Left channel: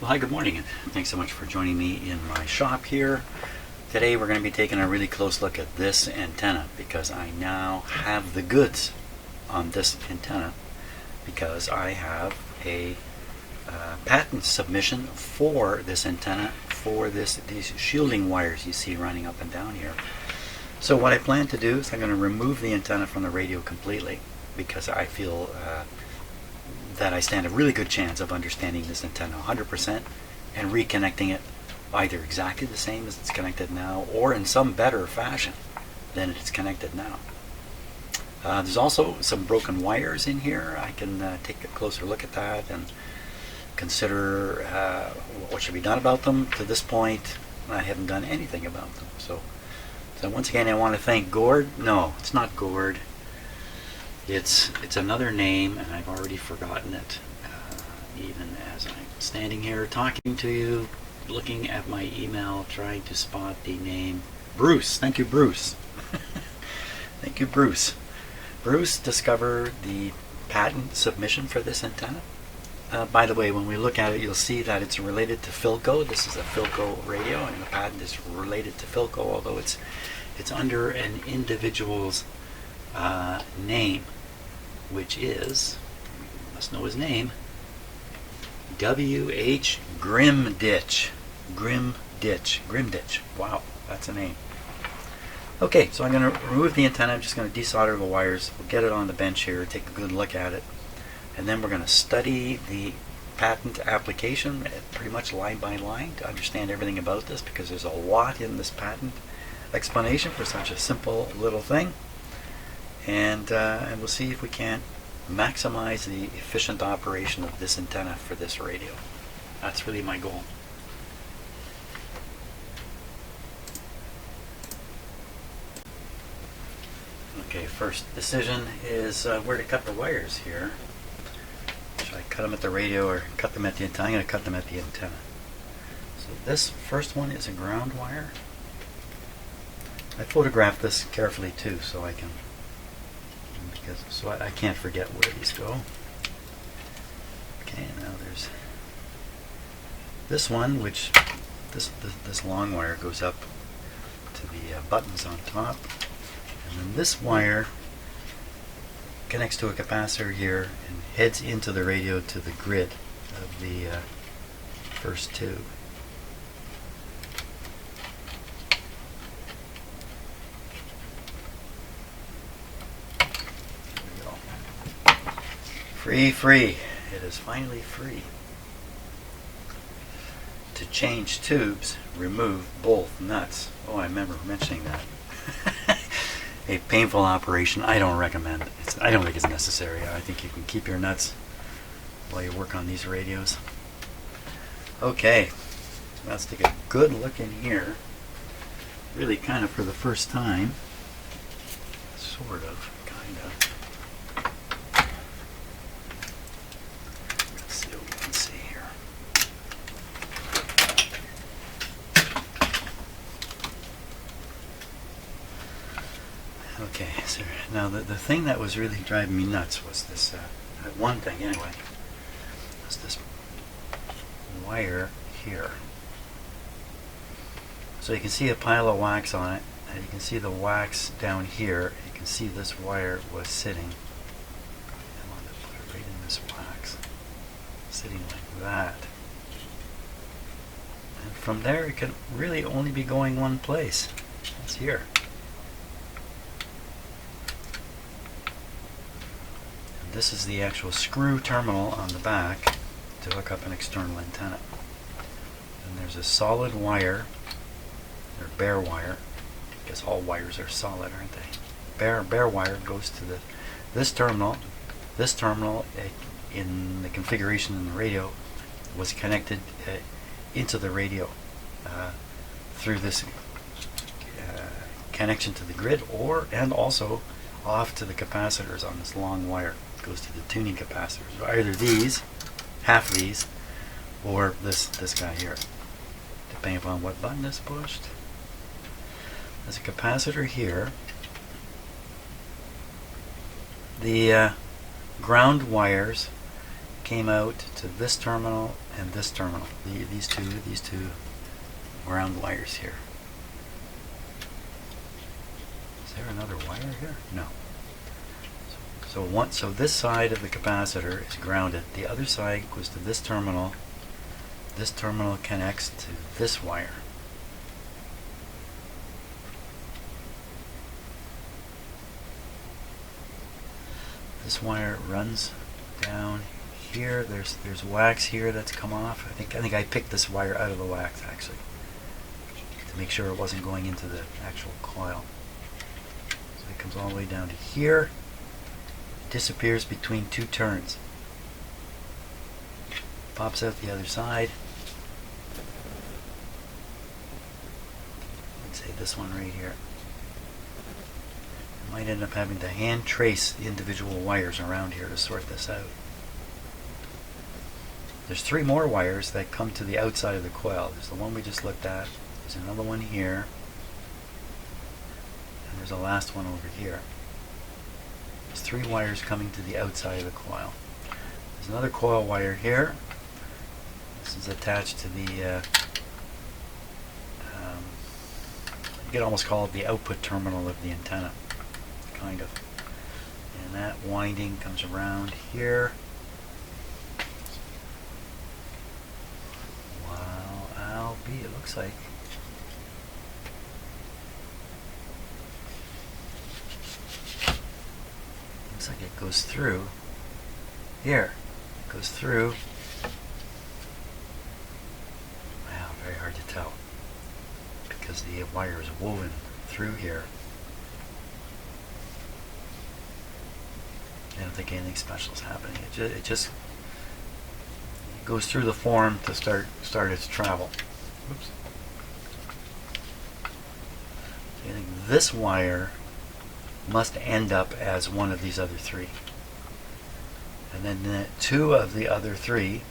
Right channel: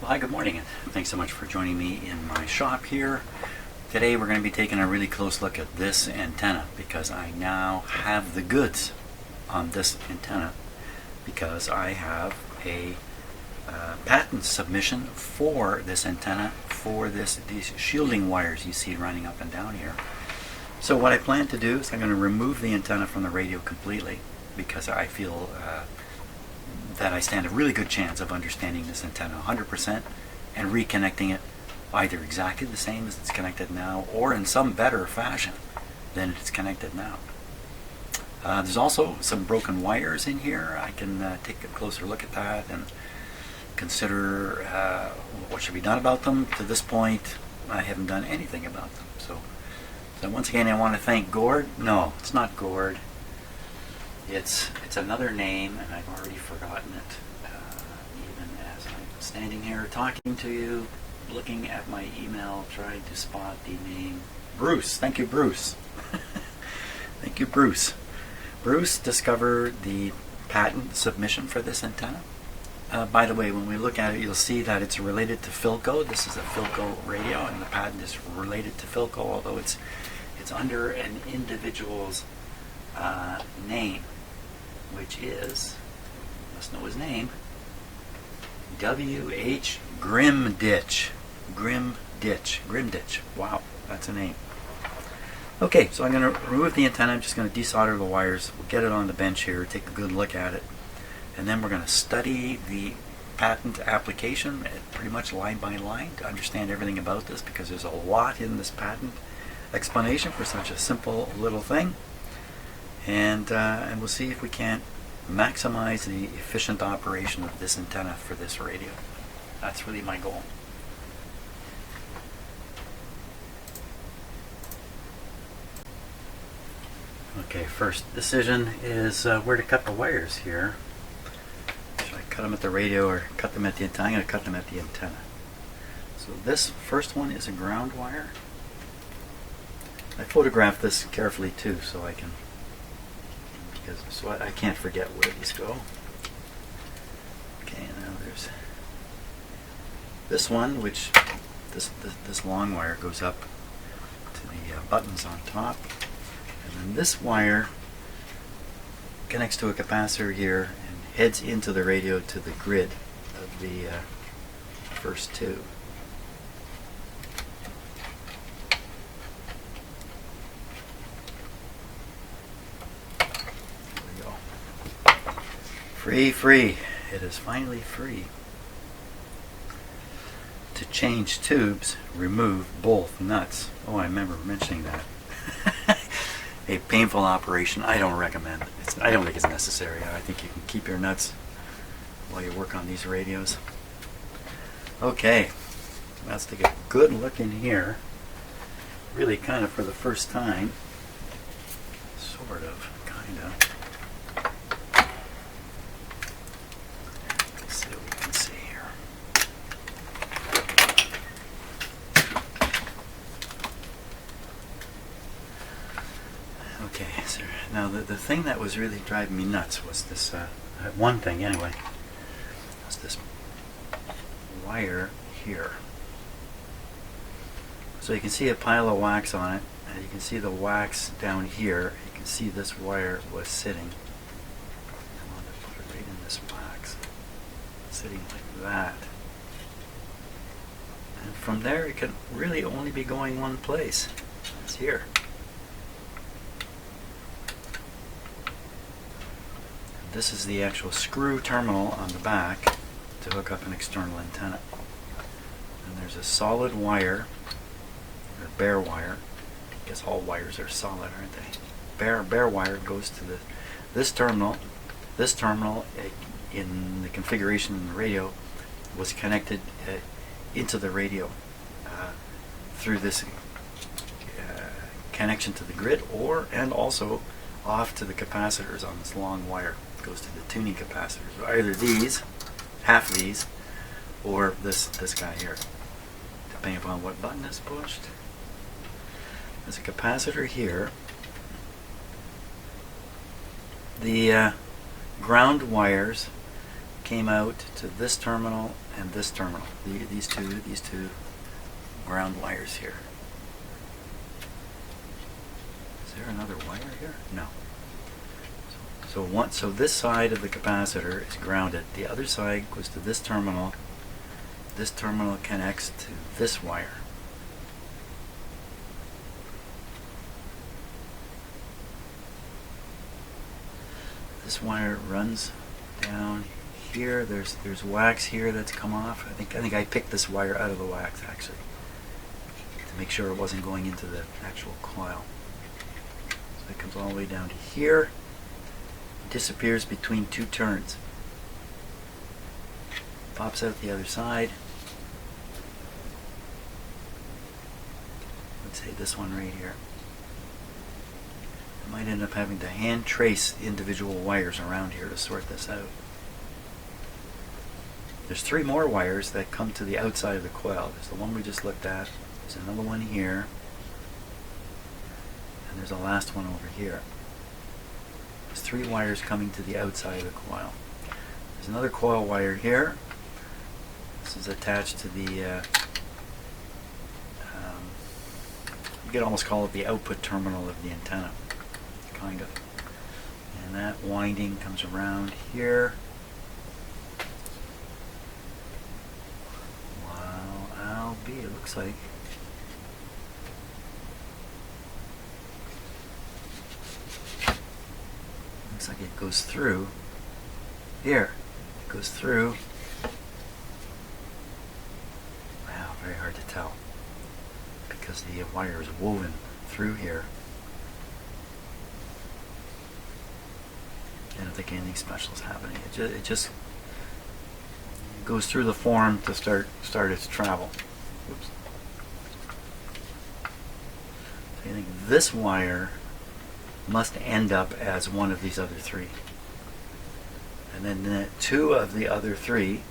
Well, hi, good morning, and thanks so much for joining me in my shop here. Today we're going to be taking a really close look at this antenna because I now have the goods on this antenna because I have a patent submission for this antenna for these shielding wires you see running up and down here. So what I plan to do is I'm going to remove the antenna from the radio completely because I feel that I stand a really good chance of understanding this antenna 100% and reconnecting it either exactly the same as it's connected now or in some better fashion than it's connected now. There's also some broken wires in here. I can take a closer look at that and consider what should be done about them. To this point, I haven't done anything about them. So once again, I want to thank Gord. No, it's not Gord. It's another name, and I've already forgotten it. Even as I'm standing here talking to you, looking at my email, trying to spot the name Bruce. Thank you, Bruce. Thank you, Bruce. Bruce discovered the patent submission for this antenna. By the way, when we look at it, you'll see that it's related to Philco. This is a Philco radio, and the patent is related to Philco, although it's under an individual's name, which is, you must know his name, W.H. Grimditch. Grimditch. Wow, that's a name. Okay, so I'm going to remove the antenna. I'm just going to desolder the wires. We'll get it on the bench here, take a good look at it, and then we're going to study the patent application pretty much line by line to understand everything about this, because there's a lot in this patent explanation for such a simple little thing. And we'll see if we can't maximize the efficient operation of this antenna for this radio. That's really my goal. Okay, first decision is where to cut the wires here. Should I cut them at the radio or cut them at the antenna? I'm going to cut them at the antenna. So this first one is a ground wire. I photographed this carefully too, so I can, so I can't forget where these go. Okay, now there's this one, which this long wire goes up to the buttons on top, and then this wire connects to a capacitor here and heads into the radio to the grid of the first tube. Free. It is finally free. To change tubes, remove both nuts. Oh, I remember mentioning that. A painful operation. I don't recommend it. I don't think it's necessary. I think you can keep your nuts while you work on these radios. Okay, let's take a good look in here. Really kind of for the first time. Sort of, kind of. Okay, so now the thing that was really driving me nuts was this, one thing anyway, was this wire here. So you can see a pile of wax on it, and you can see the wax down here. You can see this wire was sitting. I wanted to put it right in this wax, sitting like that. And from there it can really only be going one place. It's here. This is the actual screw terminal on the back to hook up an external antenna. And there's a solid wire, or bare wire. I guess all wires are solid, aren't they? Bare wire goes to this terminal. This terminal, in the configuration in the radio, was connected into the radio through this connection to the grid, and also off to the capacitors on this long wire. Goes to the tuning capacitors, either these, half these, or this guy here, depending upon what button is pushed. There's a capacitor here. The ground wires came out to this terminal and this terminal. These two ground wires here. Is there another wire here? No. So this side of the capacitor is grounded. The other side goes to this terminal. This terminal connects to this wire. This wire runs down here. There's wax here that's come off. I think I picked this wire out of the wax actually to make sure it wasn't going into the actual coil. So it comes all the way down to here. Disappears between two turns. Pops out the other side. Let's say this one right here. I might end up having to hand trace the individual wires around here to sort this out. There's 3 more wires that come to the outside of the coil. There's the one we just looked at. There's another one here. And there's a last one over here. There's 3 wires coming to the outside of the coil. There's another coil wire here. This is attached to the, you could almost call it the output terminal of the antenna, kind of. And that winding comes around here. Wow, I'll be, it looks like. Looks like it goes through here. It goes through. Wow, very hard to tell because the wire is woven through here. I don't think anything special is happening. It just goes through the form to start its travel. Oops. So I think this wire must end up as one of these other 3. And then 2 of the other 3,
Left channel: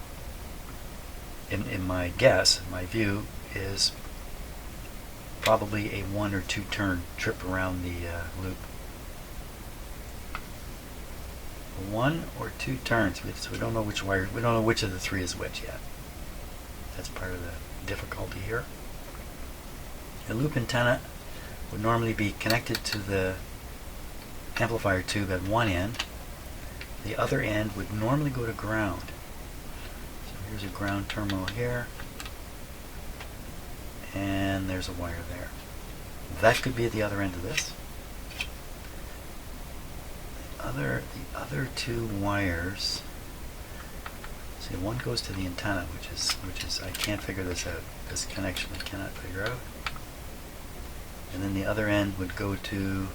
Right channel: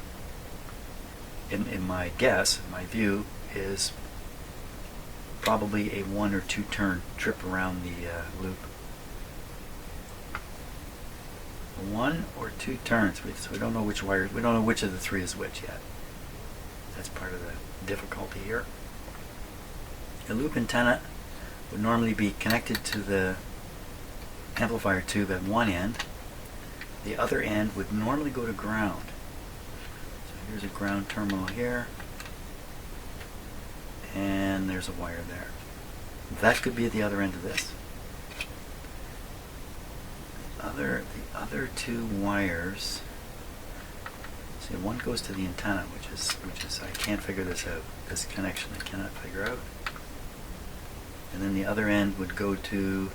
in my guess, my view, is probably a 1 or 2 turn trip around the loop. 1 or 2 turns, so we don't know which wire, we don't know which of the 3 is which yet. That's part of the difficulty here. A loop antenna would normally be connected to the amplifier tube at one end. The other end would normally go to ground. So here's a ground terminal here, and there's a wire there. That could be at the other end of this. The other 2 wires. See, one goes to the antenna, which is I can't figure this out. This connection I cannot figure out. And then the other end would go to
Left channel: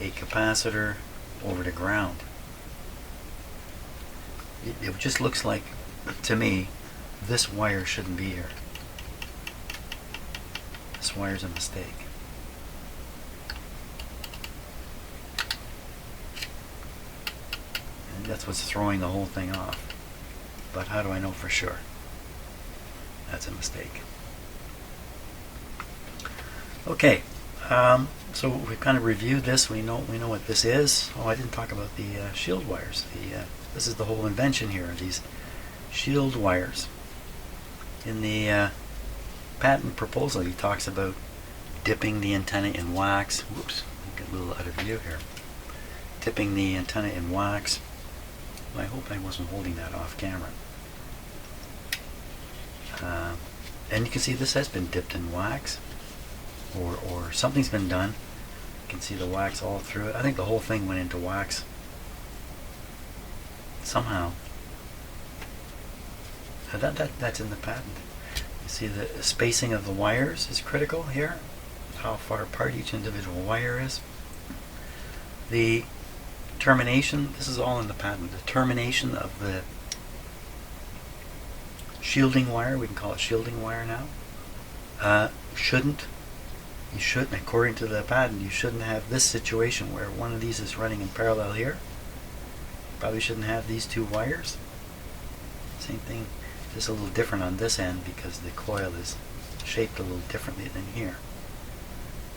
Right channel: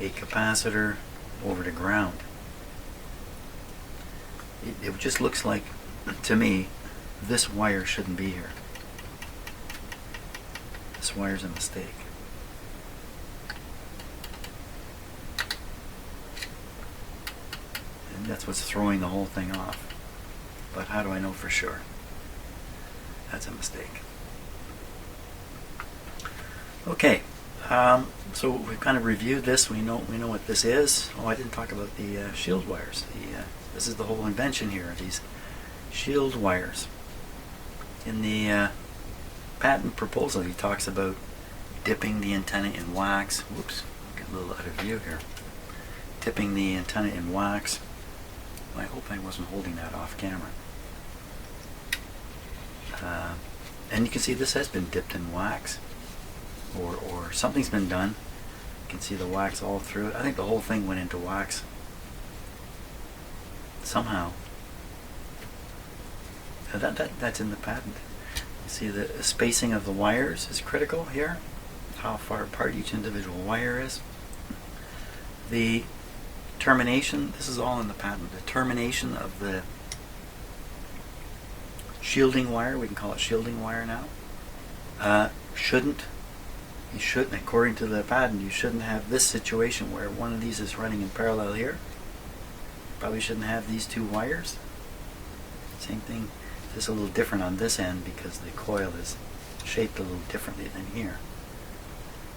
a capacitor over to ground. It just looks like, to me, this wire shouldn't be here. This wire's a mistake. And that's what's throwing the whole thing off. But how do I know for sure? That's a mistake. Okay. So we've kind of reviewed this. We know what this is. Oh, I didn't talk about the shield wires. This is the whole invention here. These shield wires. In the patent proposal, he talks about dipping the antenna in wax. Whoops, I'll get a little out of view here. Dipping the antenna in wax. I hope I wasn't holding that off camera. And you can see this has been dipped in wax. Or something's been done. You can see the wax all through it. I think the whole thing went into wax somehow. That's in the patent. You see the spacing of the wires is critical here. How far apart each individual wire is. The termination, this is all in the patent. The termination of the shielding wire, we can call it shielding wire now, you shouldn't, according to the patent, you shouldn't have this situation where one of these is running in parallel here. Probably shouldn't have these 2 wires. Same thing, just a little different on this end because the coil is shaped a little differently than here.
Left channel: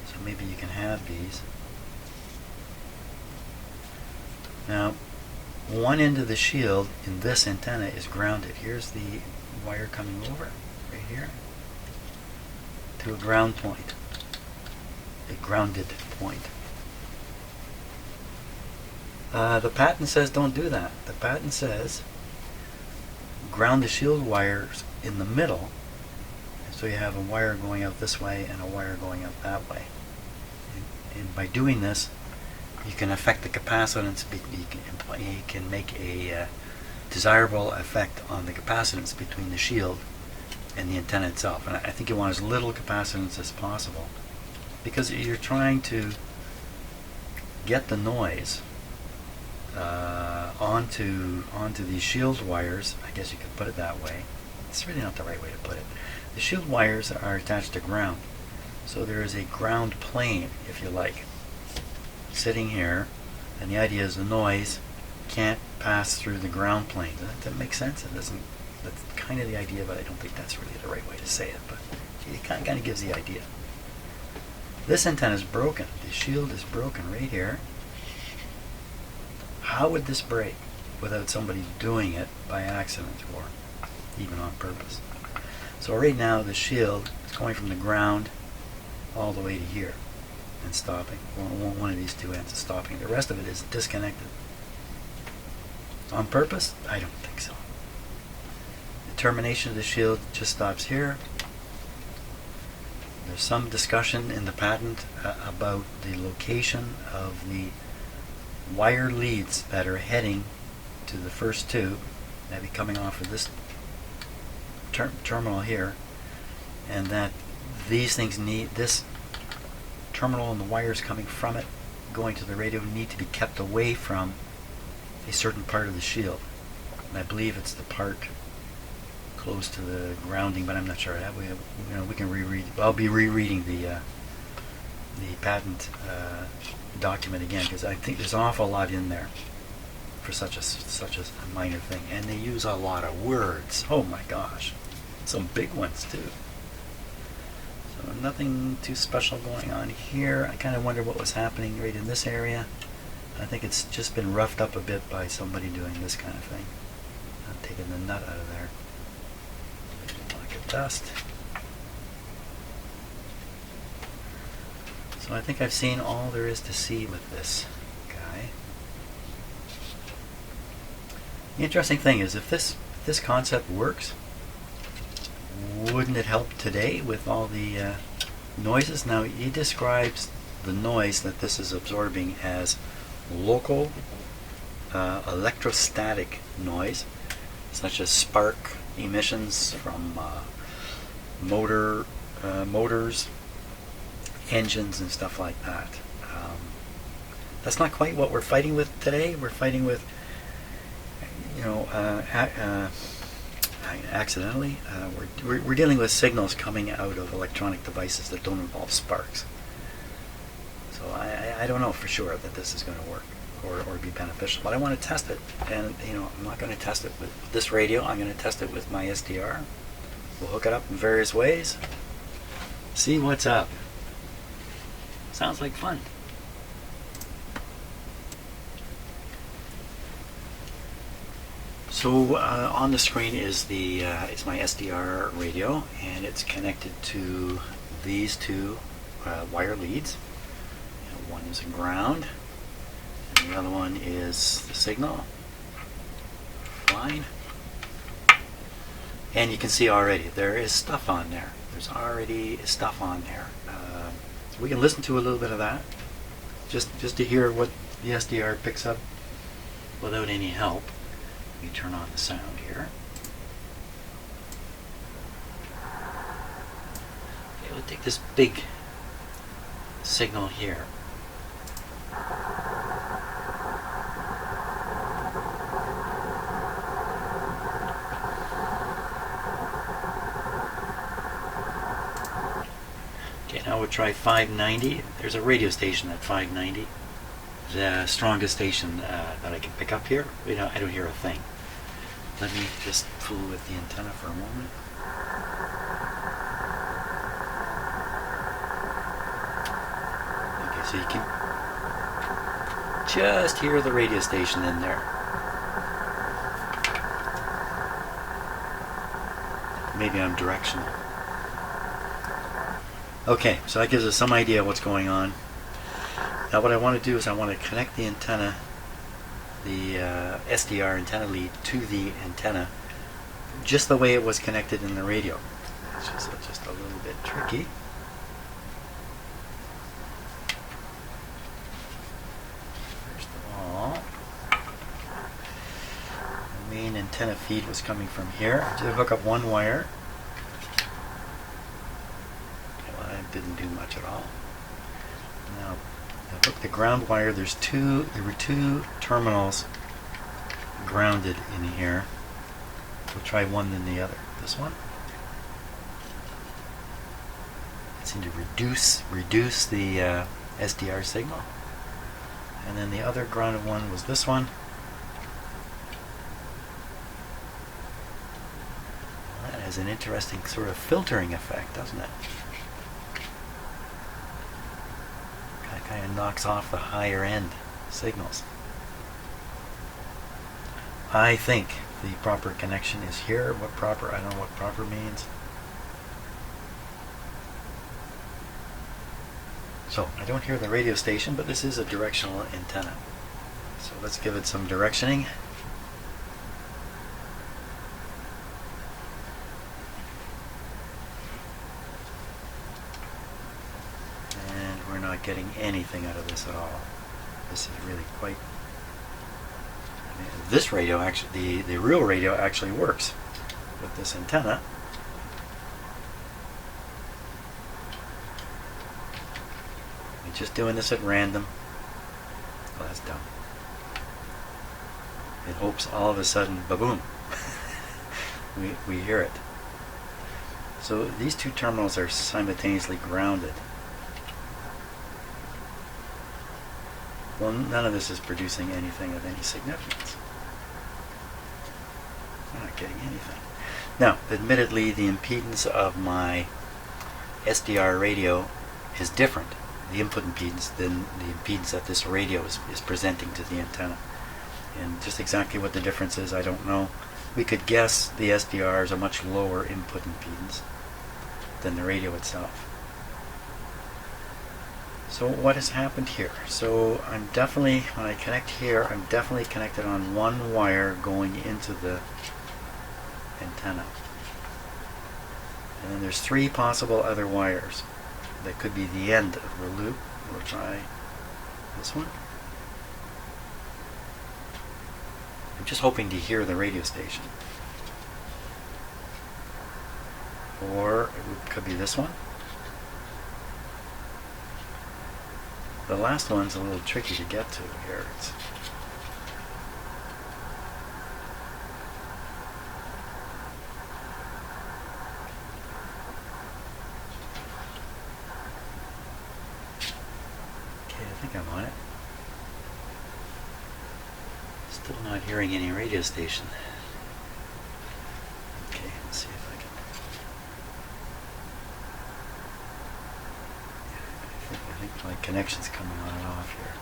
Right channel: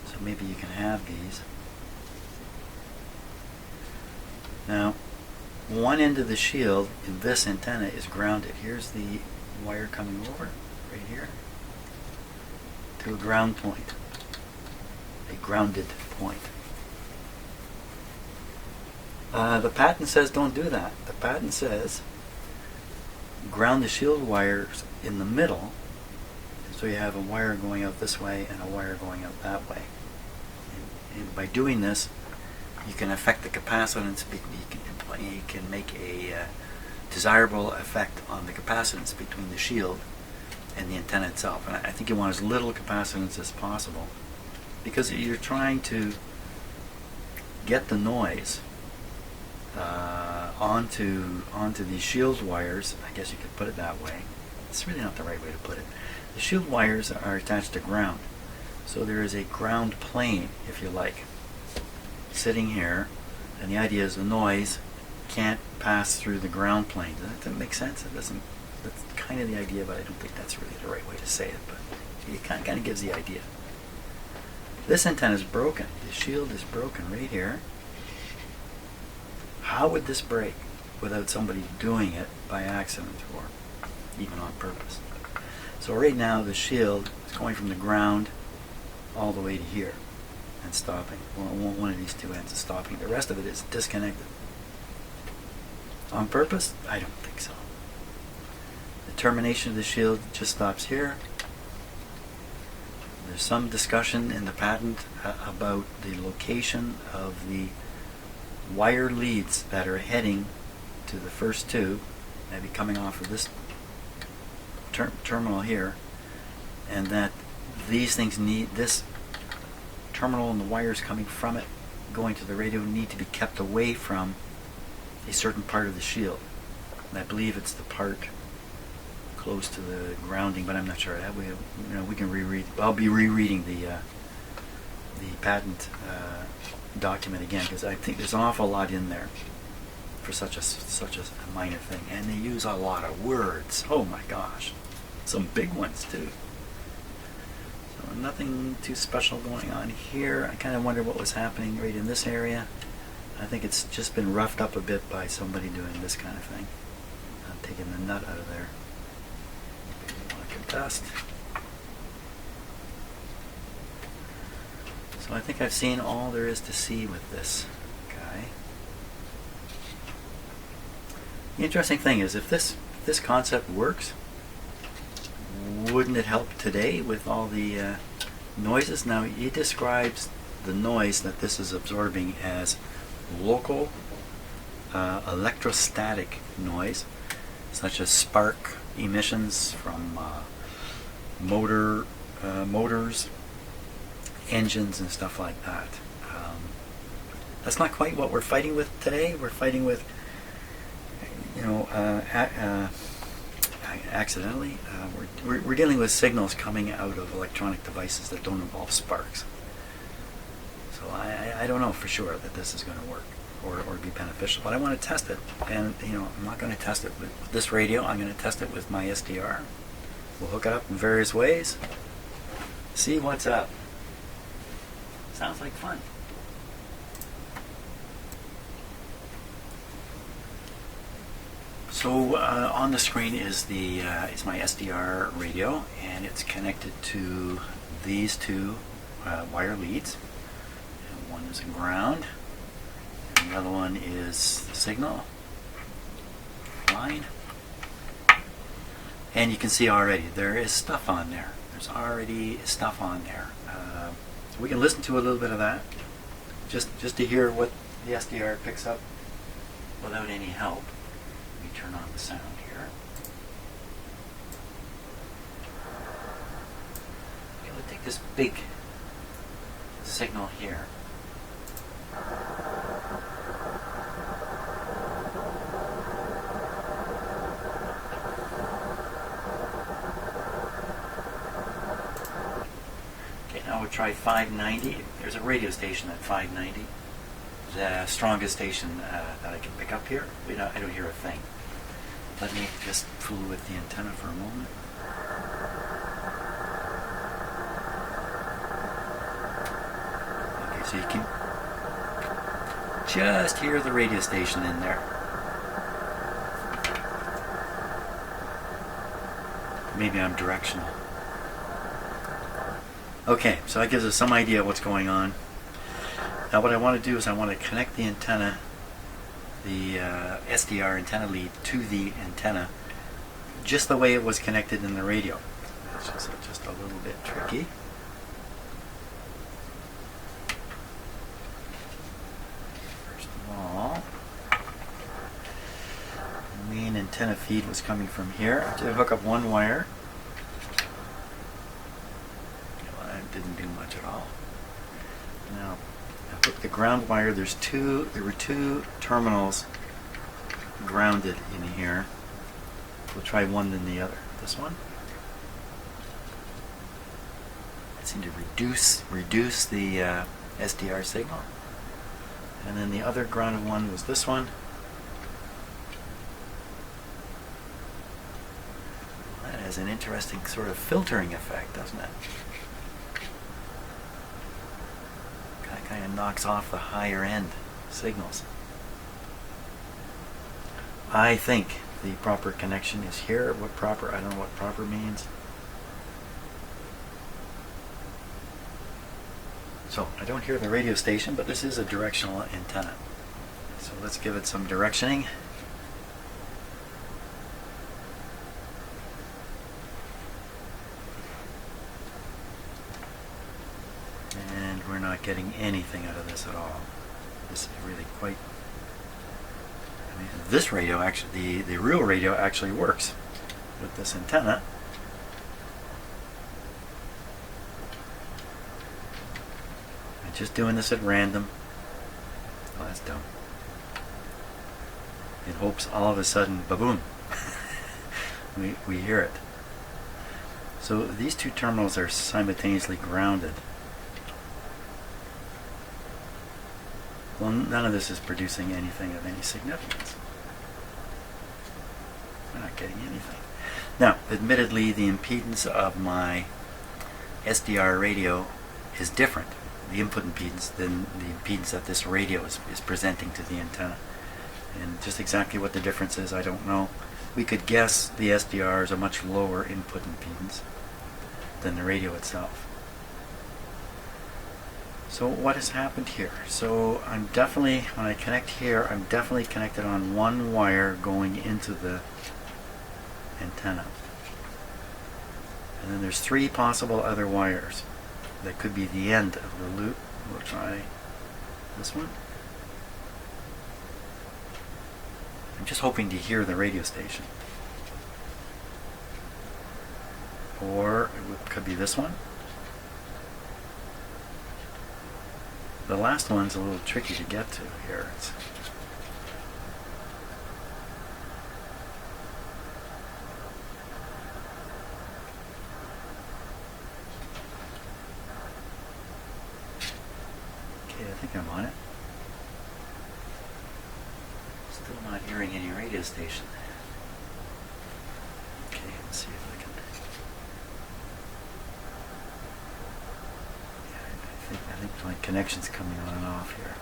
So maybe you can have these. Now, one end of the shield in this antenna is grounded. Here's the wire coming over right here to a ground point, a grounded point. The patent says don't do that. The patent says ground the shield wires in the middle, and so you have a wire going out this way and a wire going out that way. And by doing this, you can affect the capacitance. You can make a desirable effect on the capacitance between the shield and the antenna itself. And I think you want as little capacitance as possible, because you're trying to get the noise onto these shield wires. I guess you could put it that way. It's really not the right way to put it. The shield wires are attached to ground, so there is a ground plane, if you like, sitting here, and the idea is the noise can't pass through the ground plane. Does that make sense? It doesn't. That's kind of the idea, but I don't think that's really the right way to say it. But it kind of gives the idea. This antenna is broken. The shield is broken right here. How would this break without somebody doing it by accident or even on purpose? So right now the shield is going from the ground all the way to here and stopping. Well, one of these two ends is stopping. The rest of it is disconnected. On purpose? I don't think so. The termination of the shield just stops here. There's some discussion in the patent about the location of the wire leads that are heading to the first tube, maybe coming off of this terminal here, and that these things need, this terminal and the wires coming from it going to the radio need to be kept away from a certain part of the shield. And I believe it's the part close to the grounding, but I'm not sure. That way, we can reread. I'll be rereading the patent document again, because I think there's an awful lot in there for such a minor thing, and they use a lot of words. Oh my gosh, some big ones too. So nothing too special going on here. I kind of wonder what was happening right in this area. I think it's just been roughed up a bit by somebody doing this kind of thing. I'm taking the nut out of there. Maybe a block of dust. So I think I've seen all there is to see with this guy. The interesting thing is, if this concept works, wouldn't it help today with all the noises? Now, he describes the noise that this is absorbing as local electrostatic noise, such as spark emissions from motors, engines, and stuff like that. That's not quite what we're fighting with today. We're fighting with, accidentally, we're dealing with signals coming out of electronic devices that don't involve sparks. So I don't know for sure that this is going to work or be beneficial, but I want to test it. And I'm not going to test it with this radio. I'm going to test it with my SDR. We'll hook it up in various ways, see what's up. Sounds like fun. So on the screen is is my SDR radio, and it's connected to these two wire leads. And one is a ground, and the other one is the signal line. And you can see already there is stuff on there. There's already stuff on there. We can listen to a little bit of that, just to hear what the SDR picks up without any help. Let me turn on the sound here. Okay, we'll take this big signal here. Okay, now we'll try 590. There's a radio station at 590. The strongest station that I can pick up here. I don't hear a thing. Let me just fool with the antenna for a moment. Okay, so you can just hear the radio station in there. maybe I'm directional. Okay, so that gives us some idea of what's going on. Now what I want to do is I want to connect the antenna, the SDR antenna lead, to the antenna just the way it was connected in the radio. It's just a little bit tricky. First of all, the main antenna feed was coming from here. I did hook up one wire. Well, that didn't do much at all. Now, I hooked the ground wire. There were two terminals grounded in here. We'll try one then the other. This one. It seemed to reduce the SDR signal. And then the other grounded one was this one. Well, that has an interesting sort of filtering effect, doesn't it? Kind of knocks off the higher end signals. I think the proper connection is here. What proper? I don't know what proper means. So I don't hear the radio station, but this is a directional antenna. So let's give it some directioning. And we're not getting anything out of this at all. This is really quite... I mean, this radio actually, the real radio actually works with this antenna. I'm just doing this at random. Oh, that's dumb. It hopes all of a sudden, ba-boom, we hear it. So these two terminals are simultaneously grounded. Well, none of this is producing anything of any significance. We're not getting anything. Now, admittedly, the impedance of my SDR radio is different, the input impedance, than the impedance that this radio is presenting to the antenna. And just exactly what the difference is, I don't know. We could guess the SDR is a much lower input impedance than the radio itself. So what has happened here? So I'm definitely, when I connect here, I'm definitely connected on one wire going into the antenna. And then there's three possible other wires that could be the end of the loop. We'll try this one. I'm just hoping to hear the radio station. Or it could be this one. The last one's a little tricky to get to here. Okay, I think I'm on it. Still not hearing any radio station. Okay, let's see if I can. I think my connection's coming on and off here.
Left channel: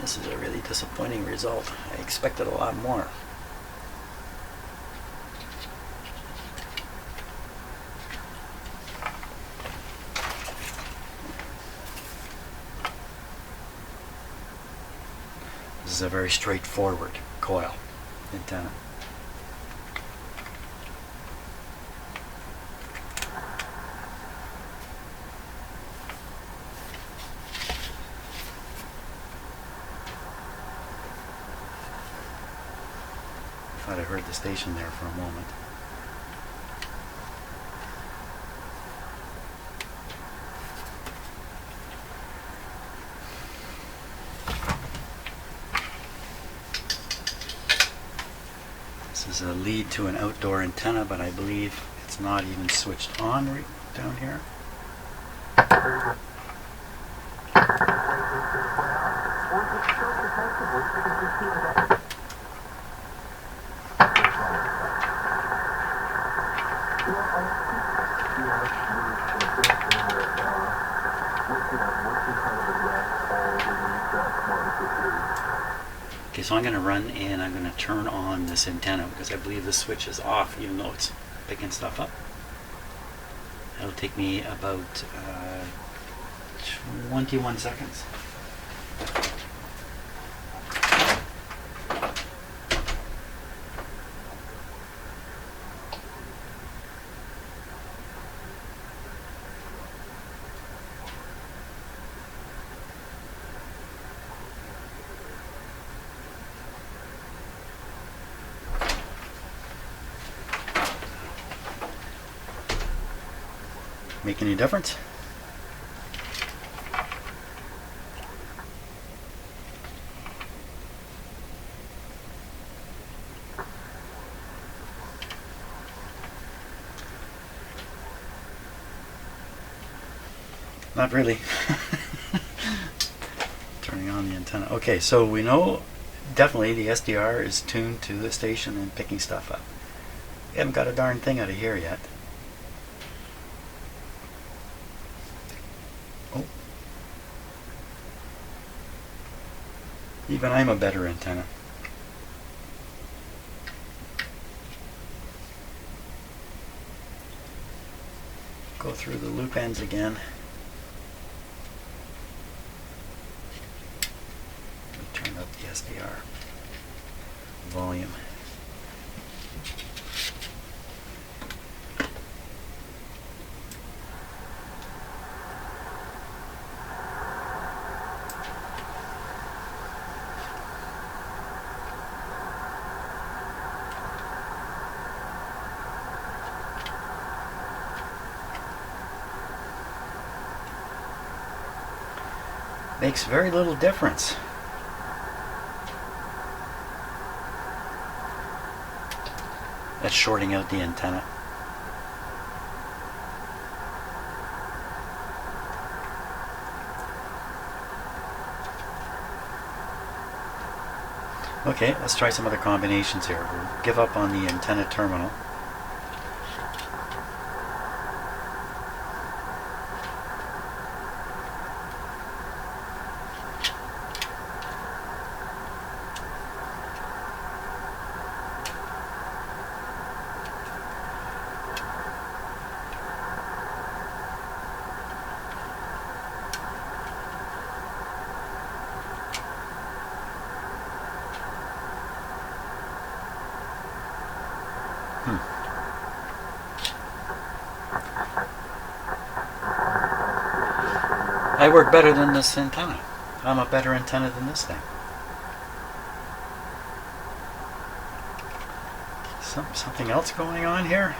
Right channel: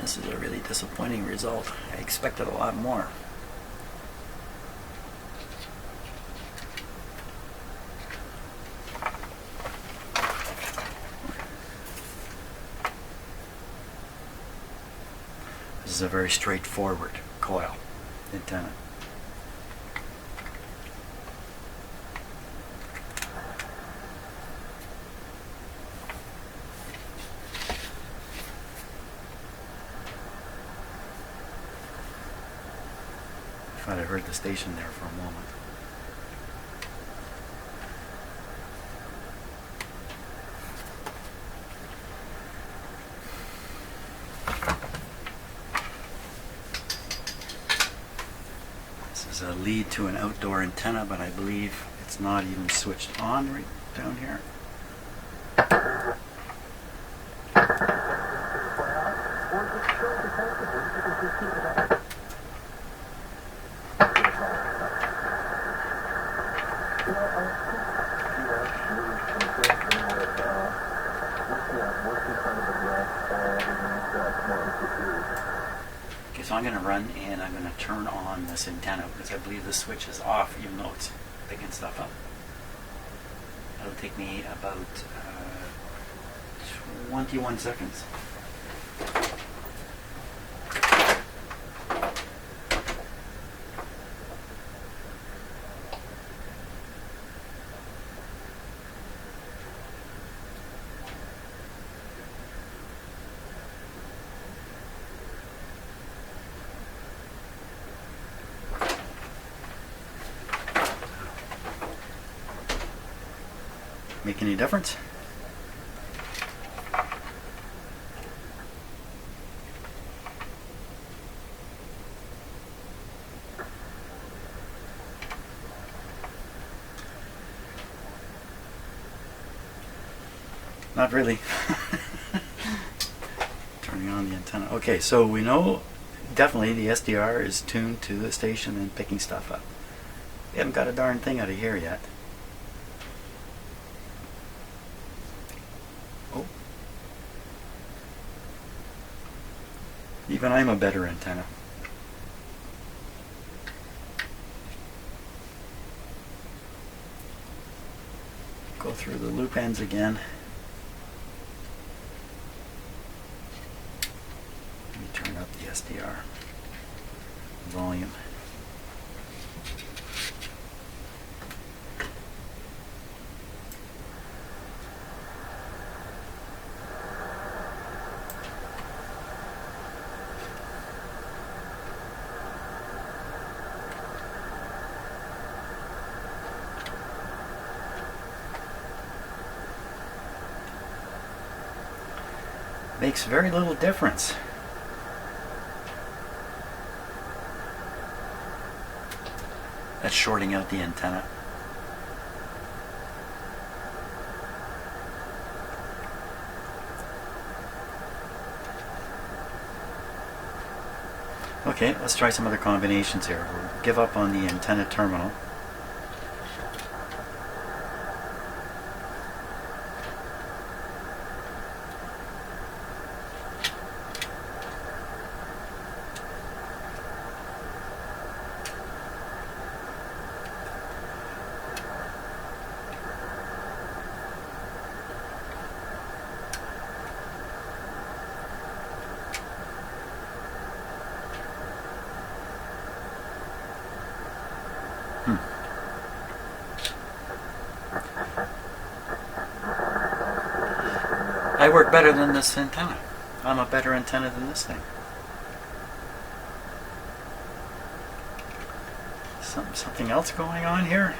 This is a really disappointing result. I expected a lot more. This is a very straightforward coil antenna. I thought I heard the station there for a moment. This is a lead to an outdoor antenna, but I believe it's not even switched on right down here. Okay, so I'm going to run and I'm going to turn on this antenna because I believe the switch is off even though it's picking stuff up. It'll take me about 21 seconds. Make any difference? Not really. Turning on the antenna. Okay, so we know definitely the SDR is tuned to the station and picking stuff up. We haven't got a darn thing out of here yet. Oh. Even I'm a better antenna. Go through the loop ends again. Let me turn up the SDR volume. Makes very little difference. That's shorting out the antenna. Okay, let's try some other combinations here. We'll give up on the antenna terminal. I work better than this antenna. I'm a better antenna than this thing. Something else going on here?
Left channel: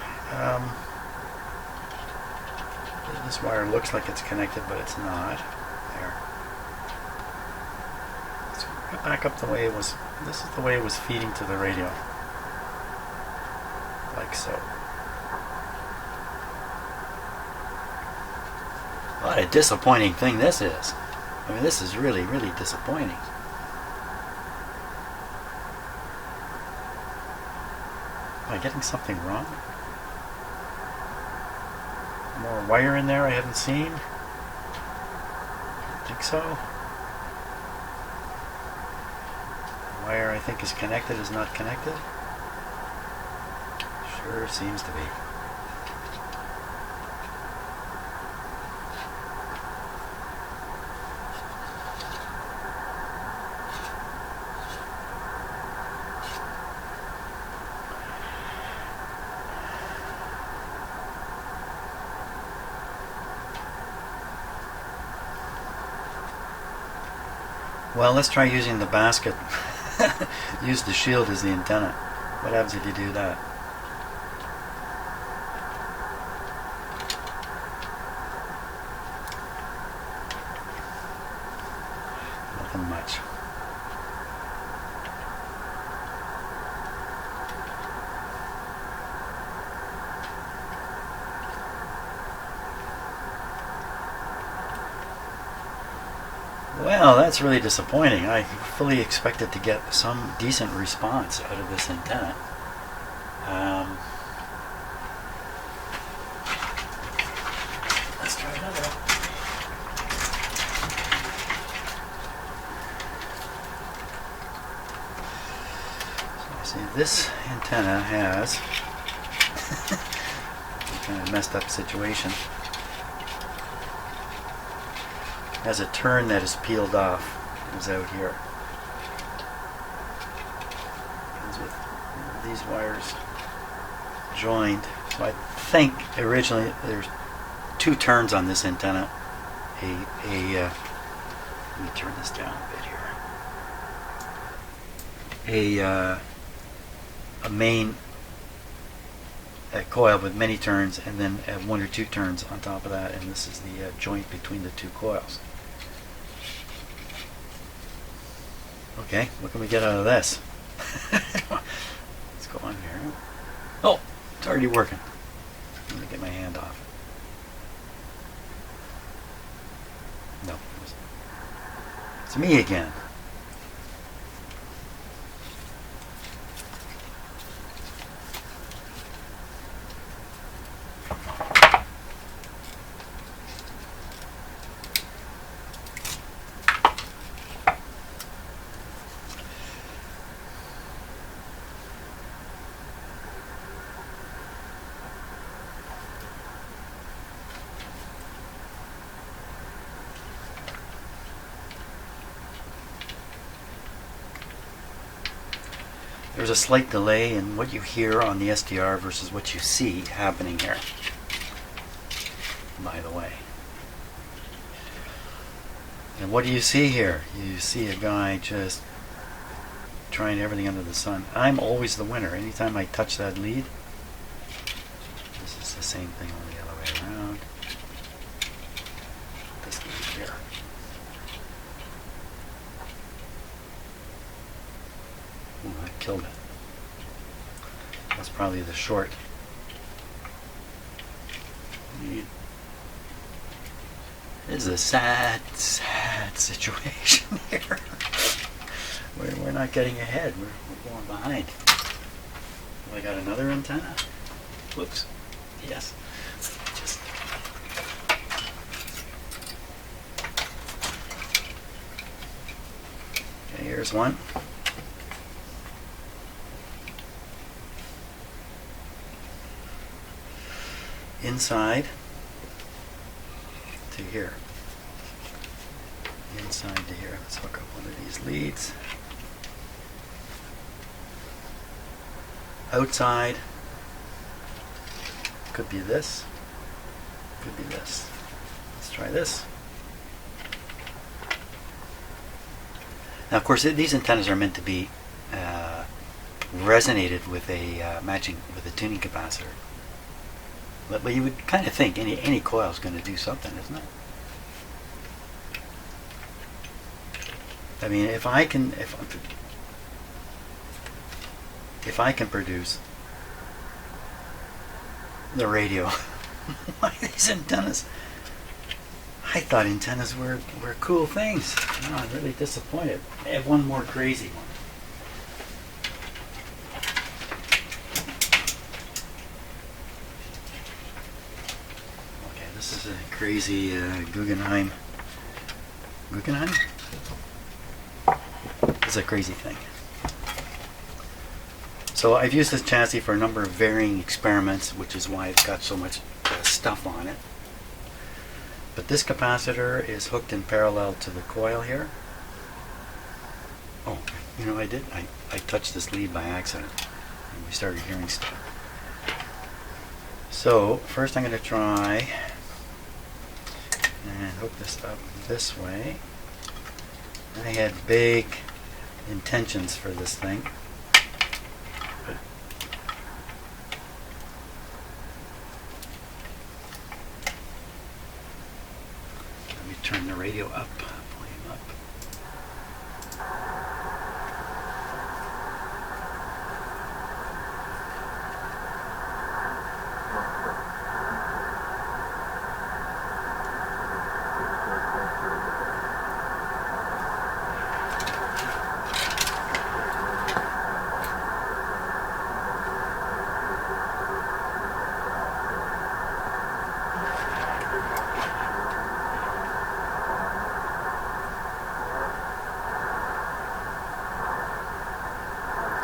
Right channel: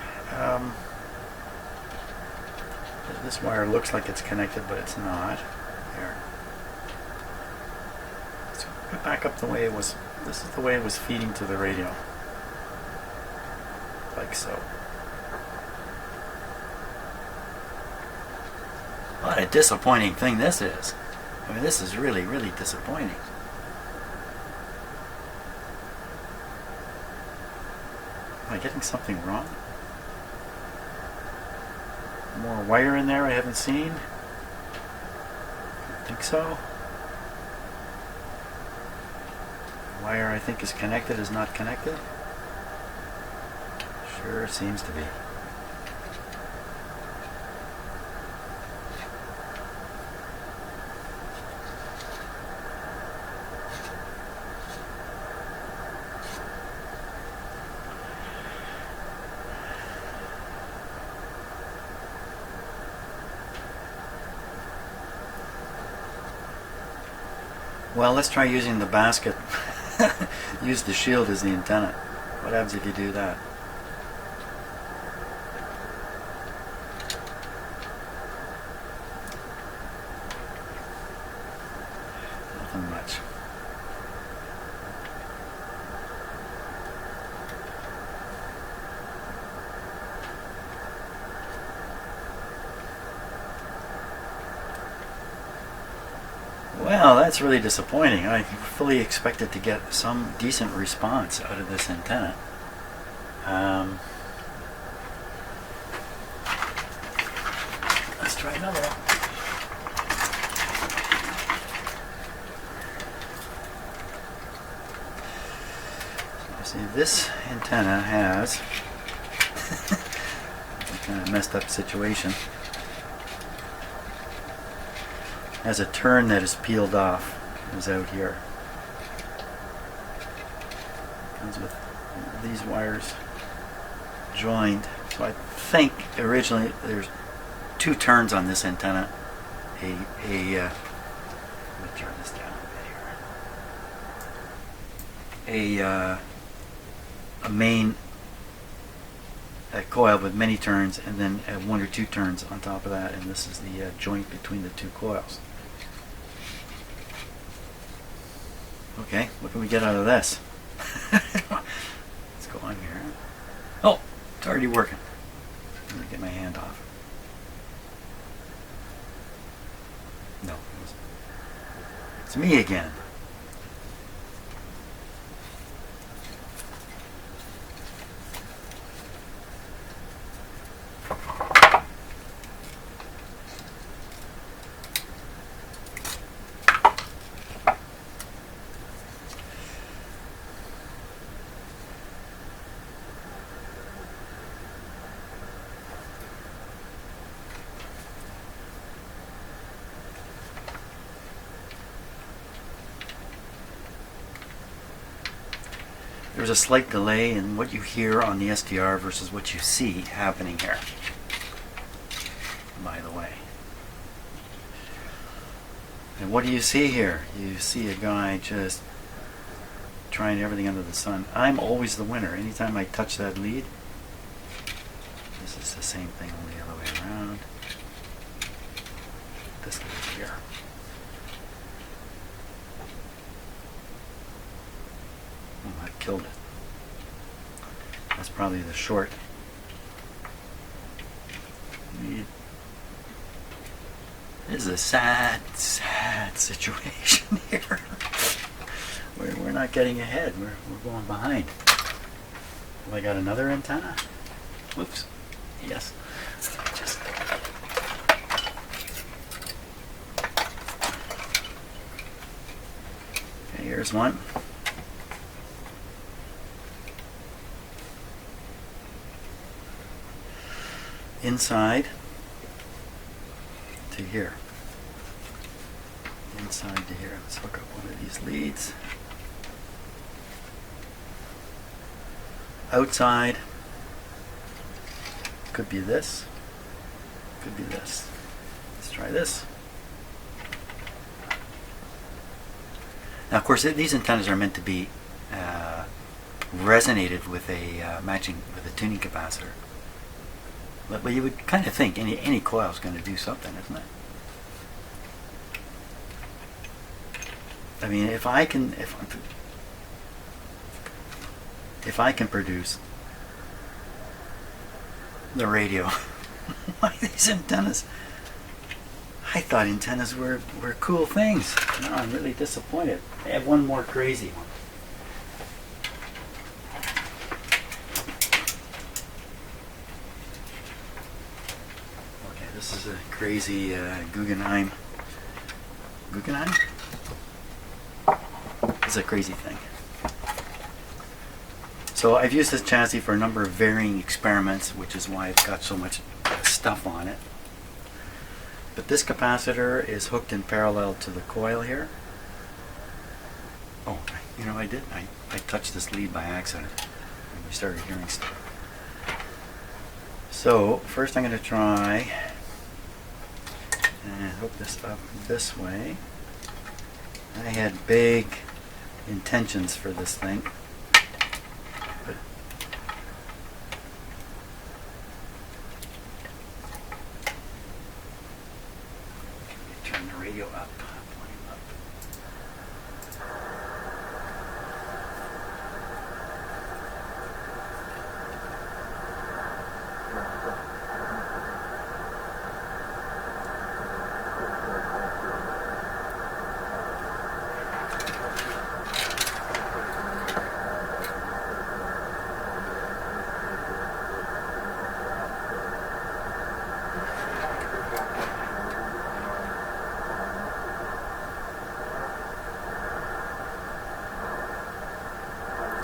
This wire looks like it's connected, but it's not. There. Let's get back up the way it was. This is the way it was feeding to the radio. Like so. What a disappointing thing this is. I mean, this is really, really disappointing. Am I getting something wrong? More wire in there I haven't seen? I don't think so. The wire I think is connected is not connected. Sure seems to be. Well, let's try using the basket. Use the shield as the antenna. What happens if you do that? Nothing much. Well, that's really disappointing. I fully expected to get some decent response out of this antenna. try another one. So you see, this antenna has a kind of messed up situation. Has a turn that is peeled off. Is out here. Comes with these wires joined. So I think originally there's 2 turns on this antenna. Let me turn this down a bit here. A main coil with many turns, and then 1 or 2 turns on top of that, and this is the joint between the 2 coils. Okay, what can we get out of this? Let's go on here. Oh, it's already working. I'm going to get my hand off it. No, it's me again. There's a slight delay in what you hear on the SDR versus what you see happening here, by the way. And what do you see here? You see a guy just trying everything under the sun. I'm always the winner. Anytime I touch that lead, this is the same thing, only the other way around. This lead here. Oh, I killed it. That's probably the short lead. This is a sad, sad situation here. We're not getting ahead. We're going behind. Have I got another antenna? Whoops. Yes. Just. Okay, here's one. Inside to here. Inside to here. Let's hook up one of these leads. Outside. Could be this. Could be this. Let's try this. Now, of course, these antennas are meant to be resonated with a with a tuning capacitor. But you would kind of think any coil is going to do something, isn't it? I mean, if I can produce the radio, why these antennas? I thought antennas were cool things. No, I'm really disappointed. I have one more crazy one. This is a crazy Guggenheim. Guggenheim? This is a crazy thing. So I've used this chassis for a number of varying experiments, which is why it's got so much stuff on it. But this capacitor is hooked in parallel to the coil here. Oh, you know, I touched this lead by accident, and we started hearing stuff. So first I'm going to try and hook this up this way. I had big intentions for this thing, but let me turn the radio up, volume up.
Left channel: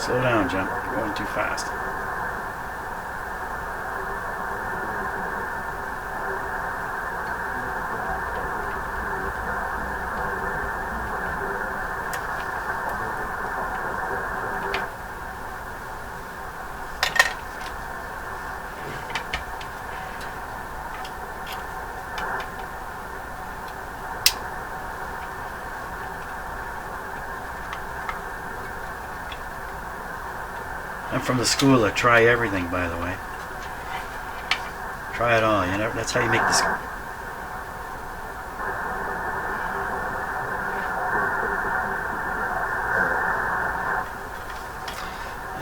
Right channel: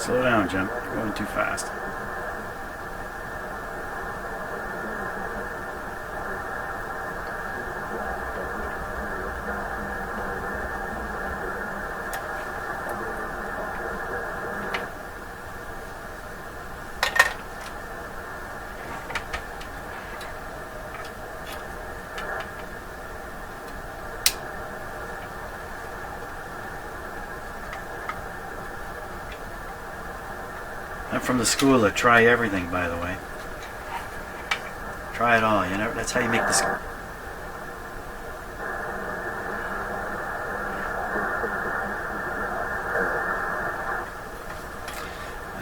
Slow down, Jim. You're going too fast. I'm from the school of try everything, by the way. Try it all. You know, that's how you make this.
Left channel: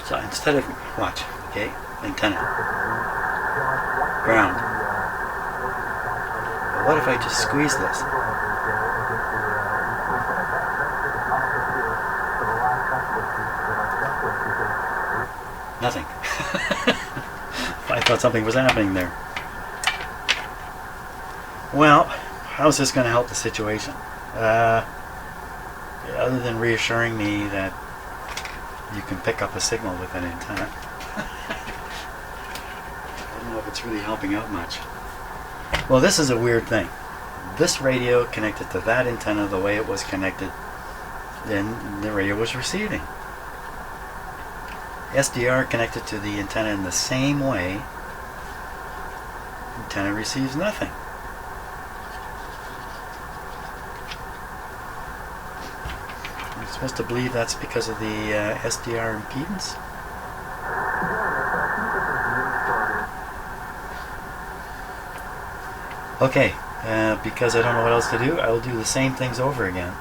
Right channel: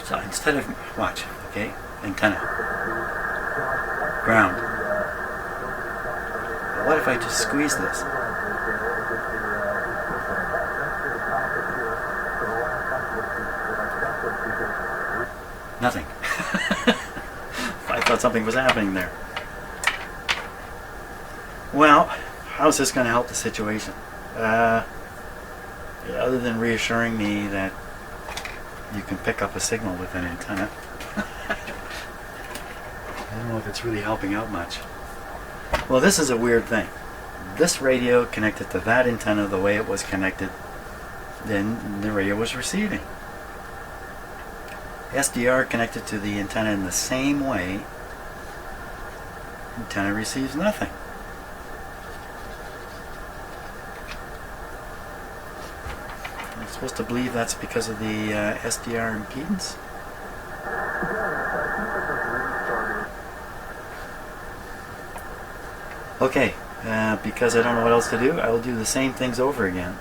So instead of watch, okay, antenna, ground. Well, what if I just squeeze this? Nothing. I thought something was happening there. Well, how's this going to help the situation? Other than reassuring me that you can pick up a signal with an antenna. I don't know if it's really helping out much. Well, this is a weird thing. This radio connected to that antenna the way it was connected, then the radio was receiving. SDR connected to the antenna in the same way. Antenna receives nothing. I'm supposed to believe that's because of the SDR impedance. Okay, because I don't know what else to do, I will do the same things over again.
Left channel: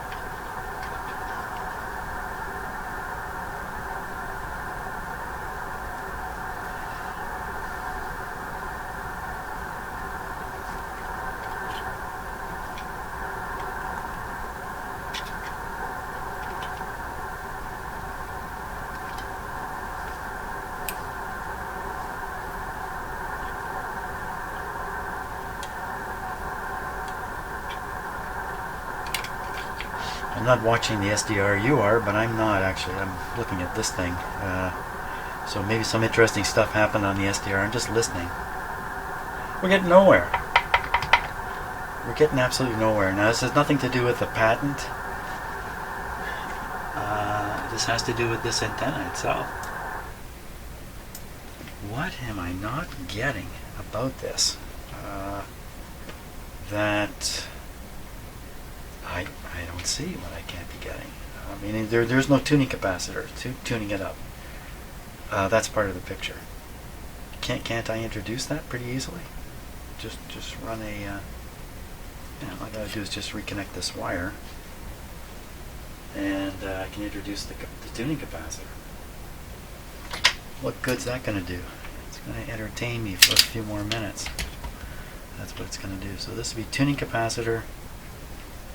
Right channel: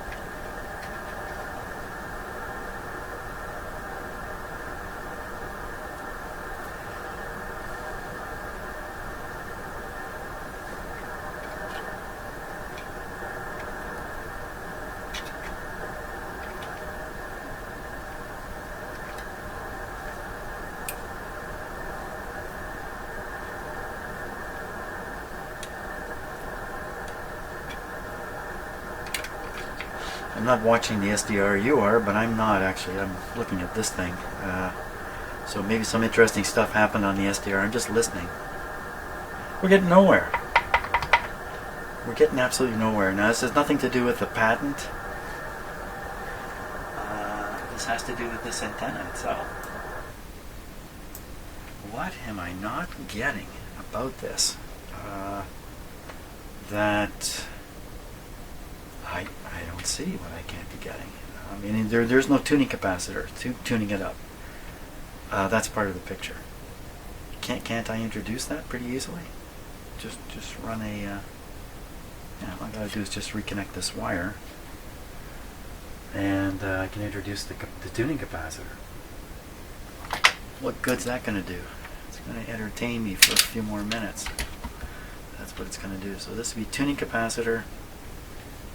I'm not watching the SDR you are, but I'm not actually. I'm looking at this thing. So maybe some interesting stuff happened on the SDR. I'm just listening. We're getting nowhere. We're getting absolutely nowhere. Now, this has nothing to do with the patent. This has to do with this antenna itself. What am I not getting about this? That I don't see what I can't be getting. I mean, there's no tuning capacitor tuning it up. That's part of the picture. Can't I introduce that pretty easily? Just run a. All I gotta do is just reconnect this wire, and I can introduce the tuning capacitor. What good's that gonna do? It's gonna entertain me for a few more minutes. That's what it's gonna do. So this would be tuning capacitor.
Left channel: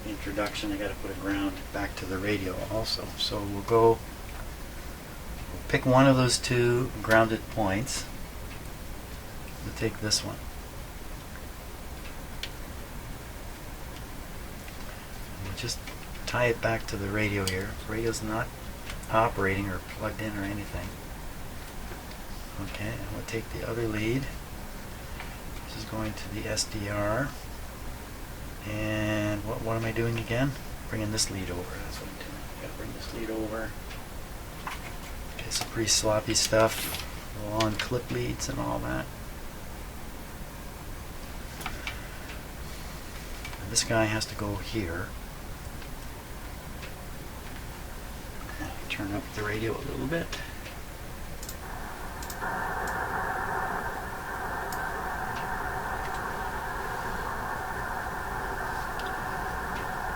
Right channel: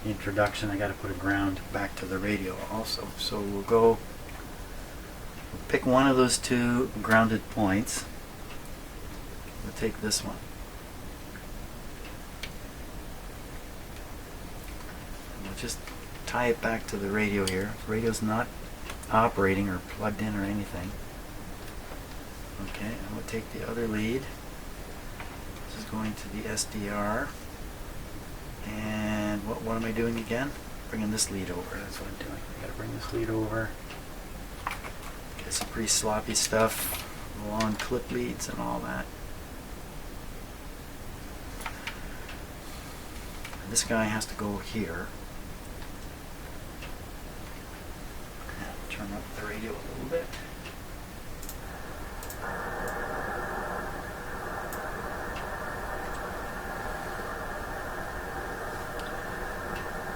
Introduction. I got to put a ground back to the radio also. So we'll pick one of those two grounded points. We'll take this one. And we'll just tie it back to the radio here. The radio's not operating or plugged in or anything. Okay, and we'll take the other lead. This is going to the SDR. And what am I doing again? Bringing this lead over. That's what I'm doing. I gotta bring this lead over. Okay, some pretty sloppy stuff. Long clip leads and all that. And this guy has to go here. Turn up the radio a little bit.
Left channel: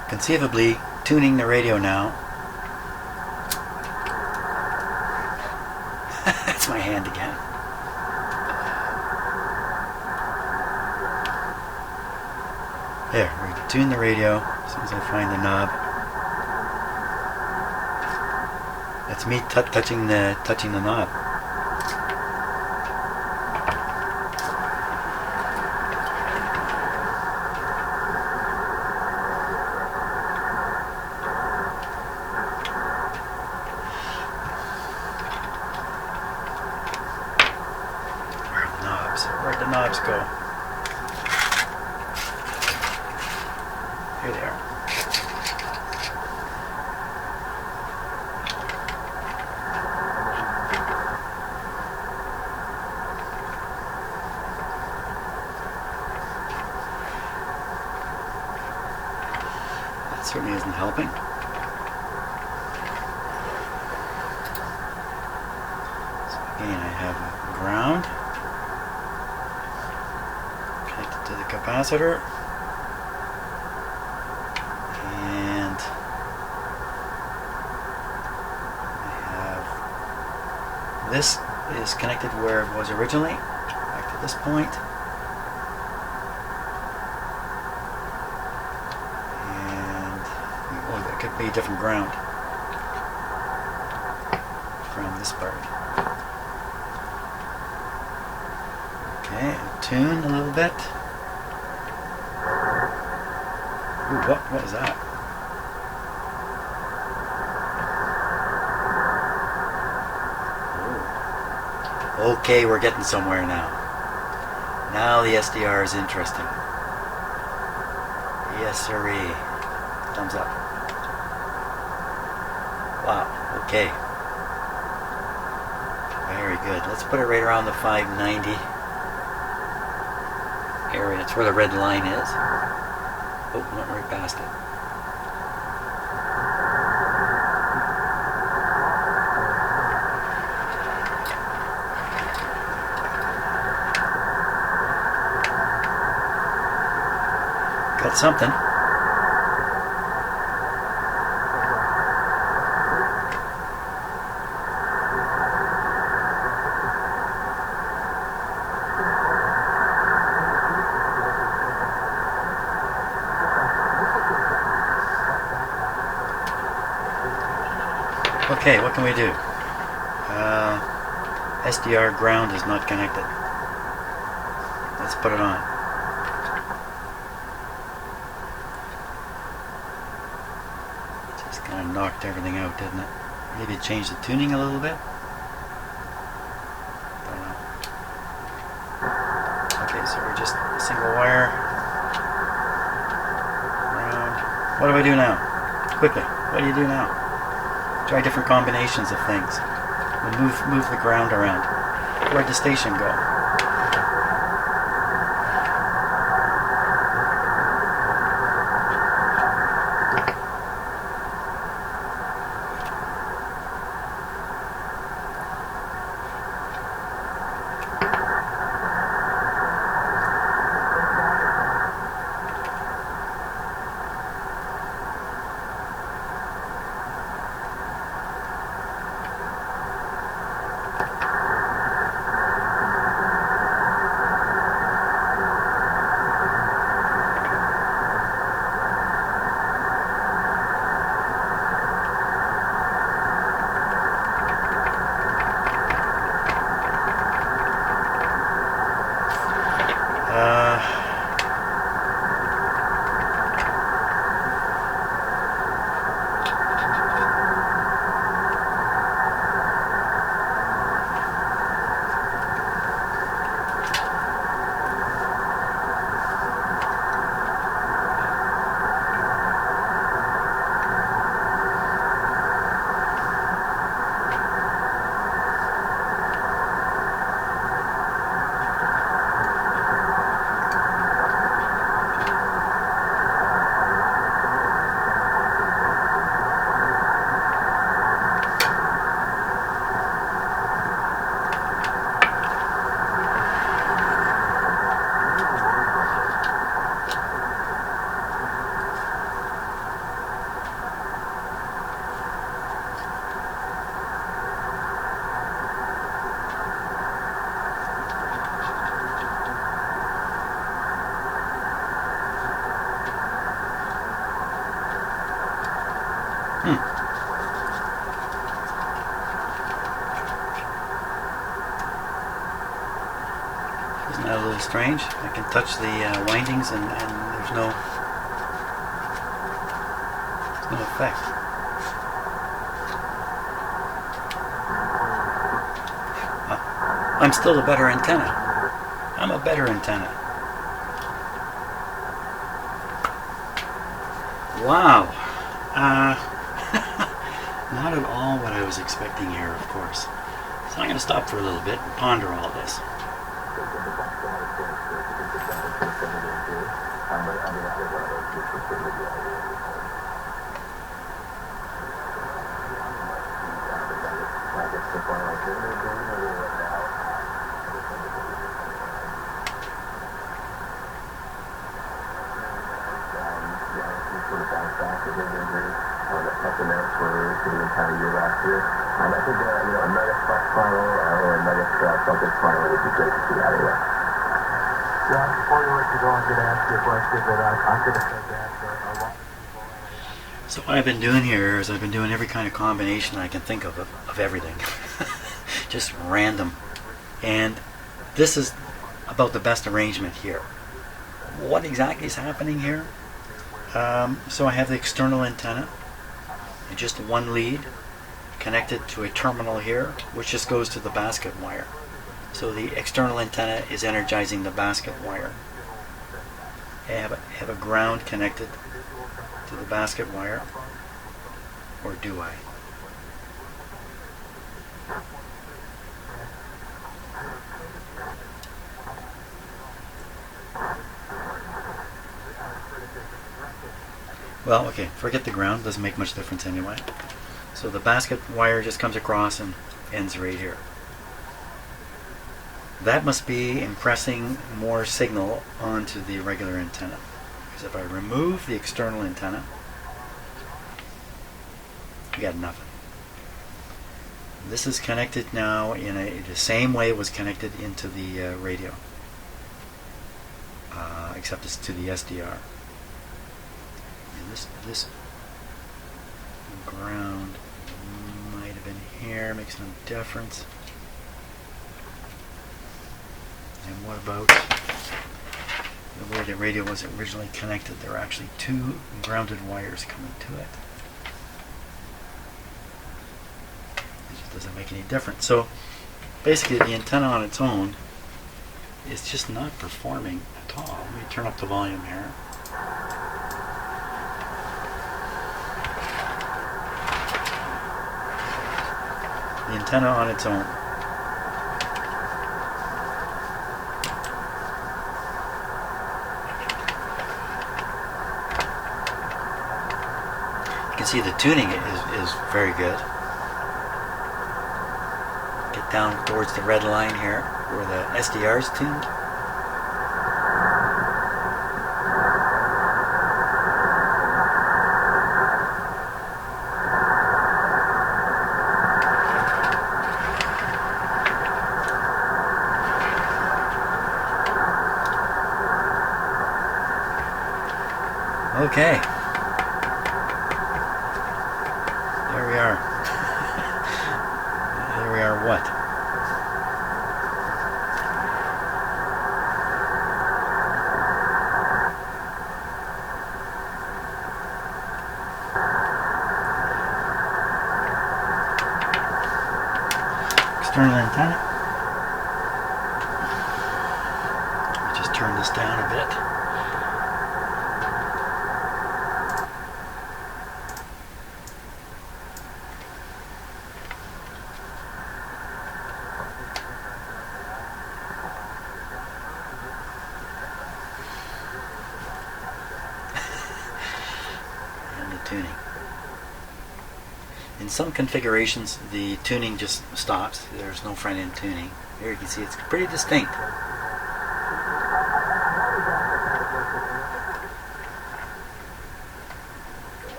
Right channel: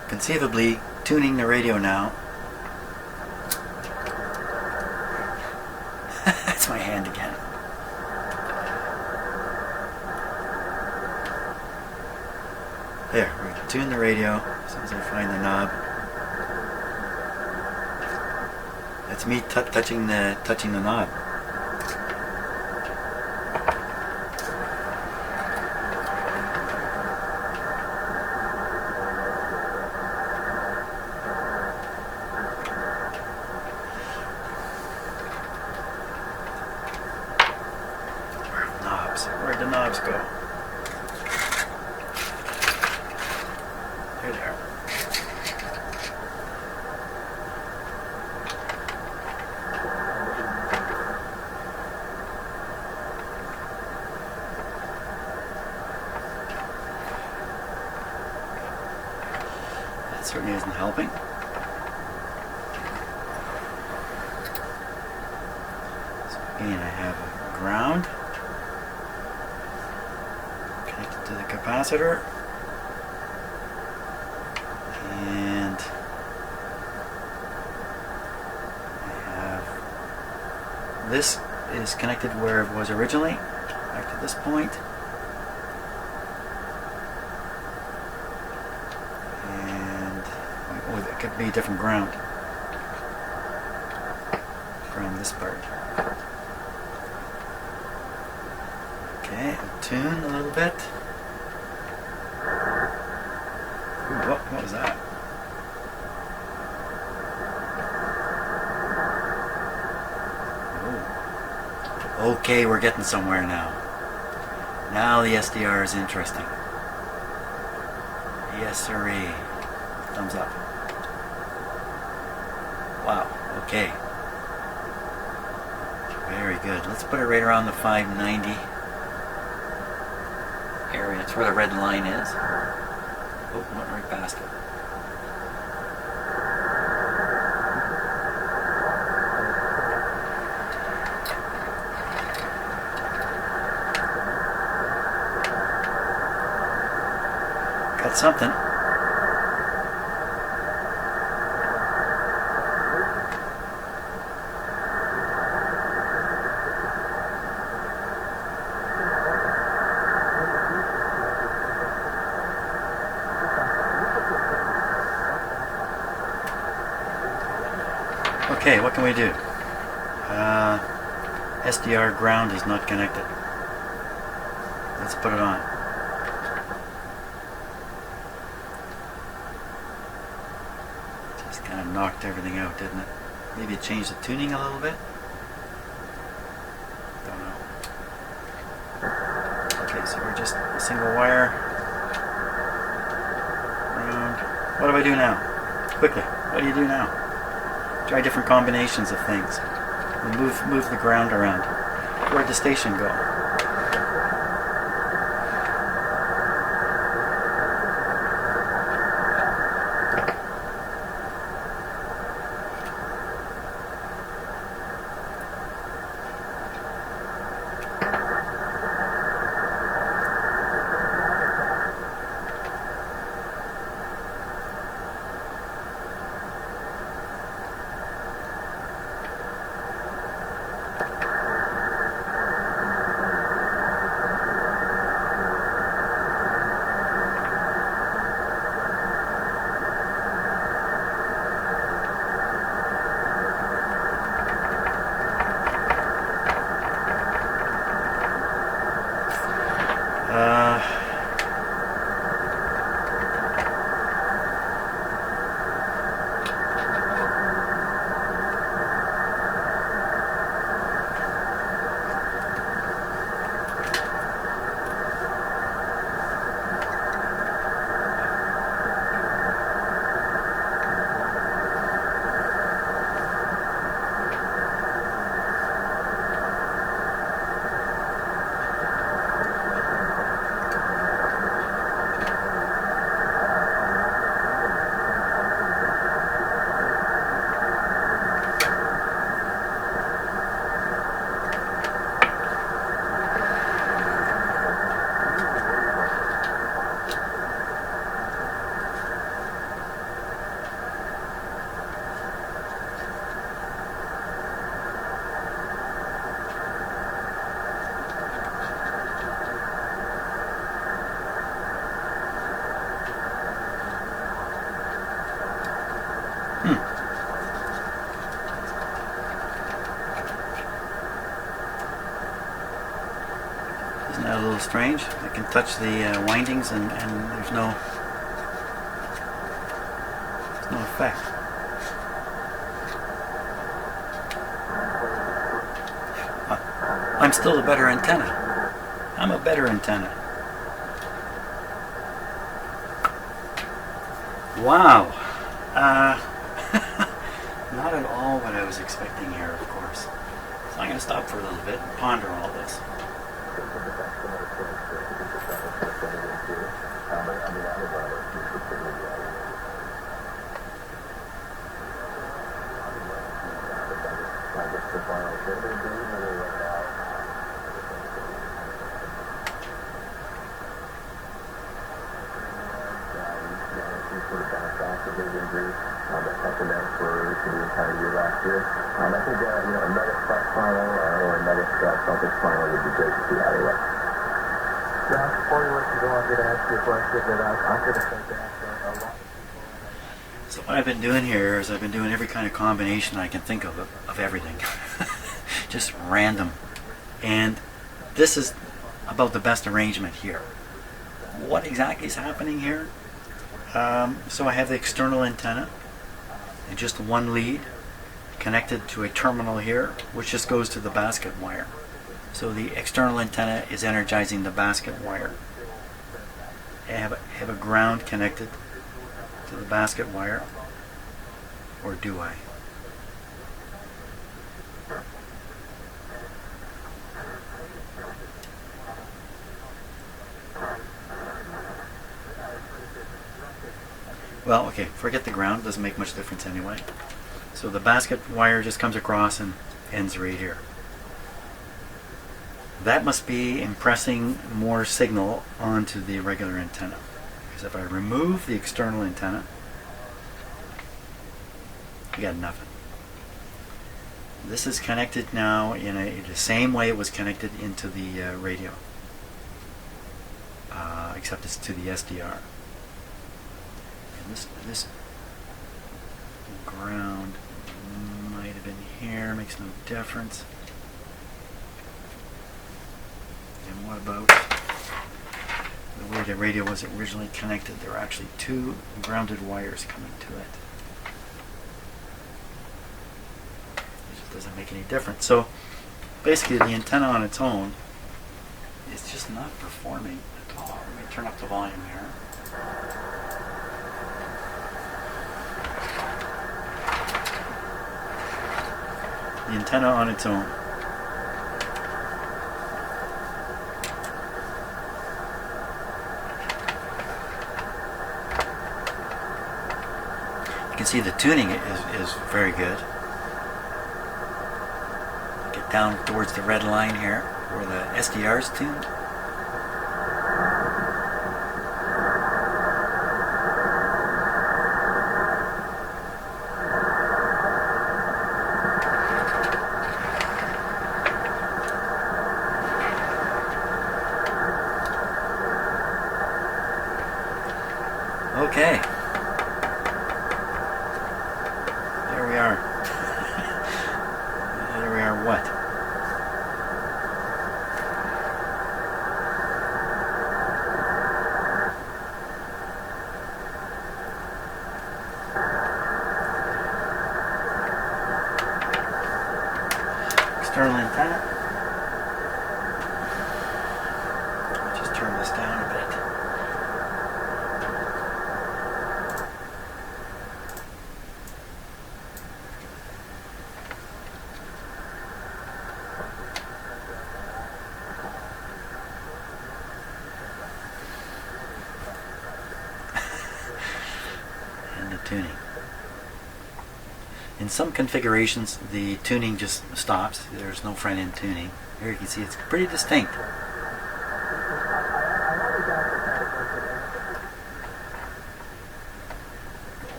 Conceivably tuning the radio now. That's my hand again. There, we tune the radio as soon as I find the knob. That's me touching the knob. Where'd the knobs go? Here they are. That certainly isn't helping. So again, I have a ground connected to the capacitor, and I have this is connected where it was originally, back to this point, and oh, that could be a different ground. Ground this part. Okay, tune a little bit. Ooh, what was that? Ooh. Okay, we're getting somewhere now. Now the SDR is interesting. Yes, sirree. Thumbs up. Wow, okay. Very good. Let's put it right around the 590 area. That's where the red line is. Oh, went right past it. Got something. Okay, what can we do? SDR ground is not connected. Let's put it on. Just kind of knocked everything out, didn't it? Maybe change the tuning a little bit? Don't know. Okay, so we're just a single wire. Round. What do I do now? Quickly, what do you do now? Try different combinations of things. We'll move the ground around. Where'd the station go? Isn't that a little strange? I can touch the windings and there's no effect. I'm still the better antenna. I'm a better antenna. Wow. Not at all what I was expecting here, of course. So I'm going to stop for a little bit and ponder all this. So what I've been doing here is I've been doing every kind of combination I can think of everything. Just random. And this is about the best arrangement here. What exactly is happening here? So I have the external antenna and just one lead connected to a terminal here, which just goes to the basket wire. So the external antenna is energizing the basket wire. I have a ground connected to the basket wire, or do I? Well, okay, forget the ground, doesn't make much difference anyway. So the basket wire just comes across and ends right here. That must be impressing more signal onto the regular antenna. Because if I remove the external antenna, I got nothing. This is connected now in the same way it was connected into the radio, except it's to the SDR. And this ground might have been here, makes no difference. And what about the way the radio was originally connected? There are actually two grounded wires coming to it. It just doesn't make any difference. So basically the antenna on its own is just not performing at all. Let me turn up the volume here. The antenna on its own. You can see the tuning is very good. Get down towards the red line here where the SDR is tuned. Okay. There we are. There we are what? External antenna. Let me just turn this down a bit. Tuning. In some configurations the tuning just stops. There's no front end tuning. Here you can see it's pretty distinct. Go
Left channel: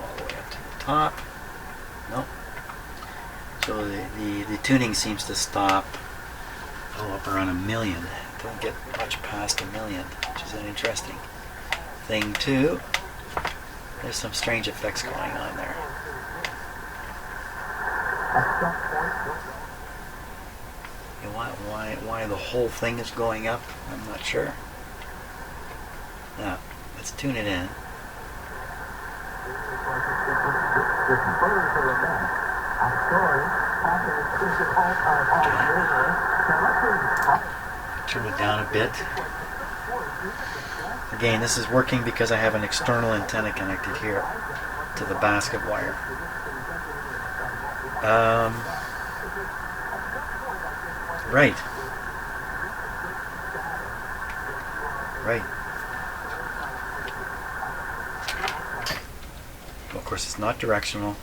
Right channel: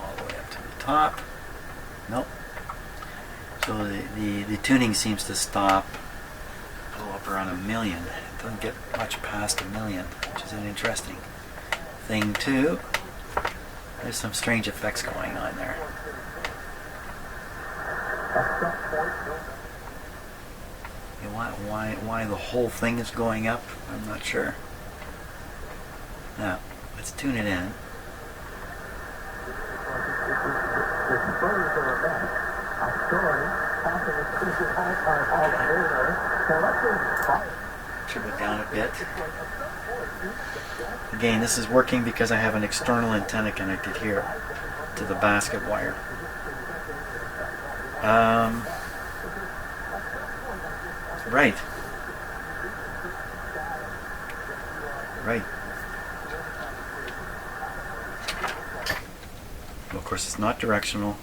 all the way up to the top. Nope. So the tuning seems to stop up around 1 million. It doesn't get much past 1 million, which is an interesting thing too. There's some strange effects going on there. You know, why the whole thing is going up? I'm not sure. Now, let's tune it in. Turn it down a bit. Again, this is working because I have an external antenna connected here to the basket wire. Right. Right. Well, of course, it's not directional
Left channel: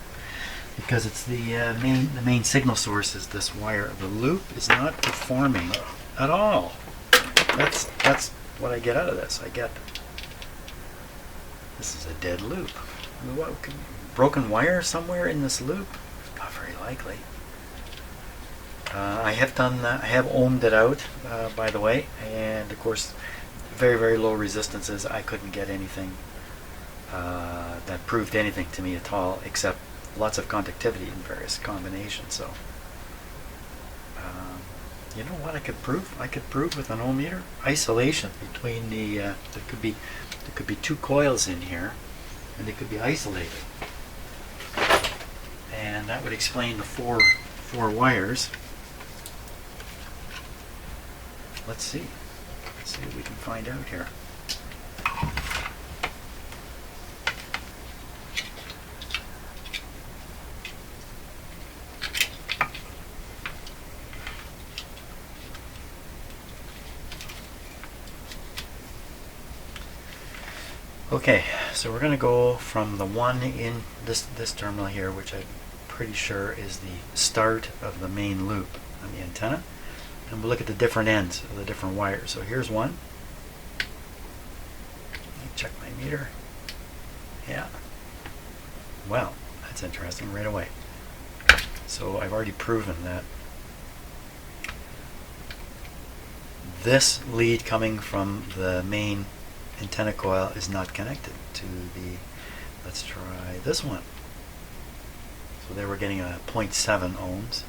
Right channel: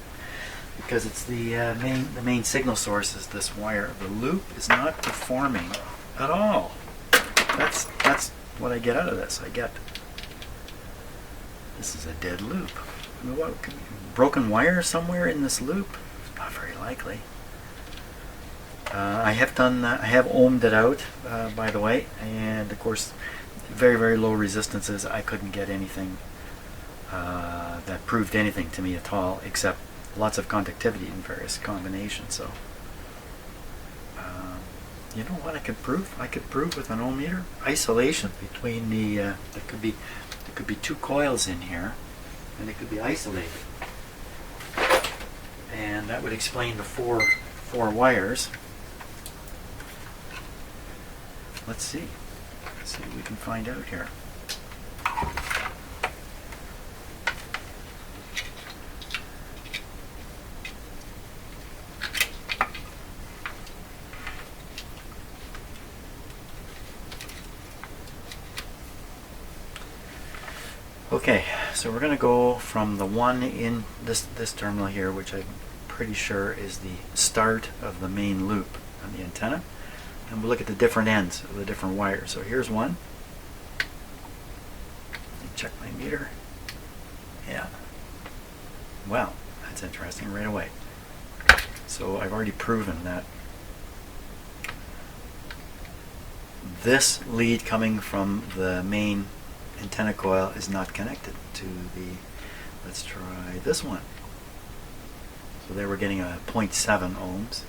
because it's the main signal source is this wire. The loop is not performing at all. That's what I get out of this. This is a dead loop. I mean, what could be broken wire somewhere in this loop? Not very likely. I have done that. I have ohmed it out, by the way, and of course, very, very low resistances. I couldn't get anything that proved anything to me at all, except lots of conductivity in various combinations. So, you know what I could prove? I could prove with an ohm meter isolation between the. There could be two coils in here, and they could be isolated, and that would explain the four wires. Let's see. Let's see what we can find out here. Okay, so we're going to go from the one in this terminal here, which I'm pretty sure is the start of the main loop on the antenna, and we'll look at the different ends of the different wires. So here's one. Let me check my meter. Yeah. Well, that's interesting right away. So I've already proven that this lead coming from the main antenna coil is not connected to the, let's try this one. So there we're getting a 0.7 ohms,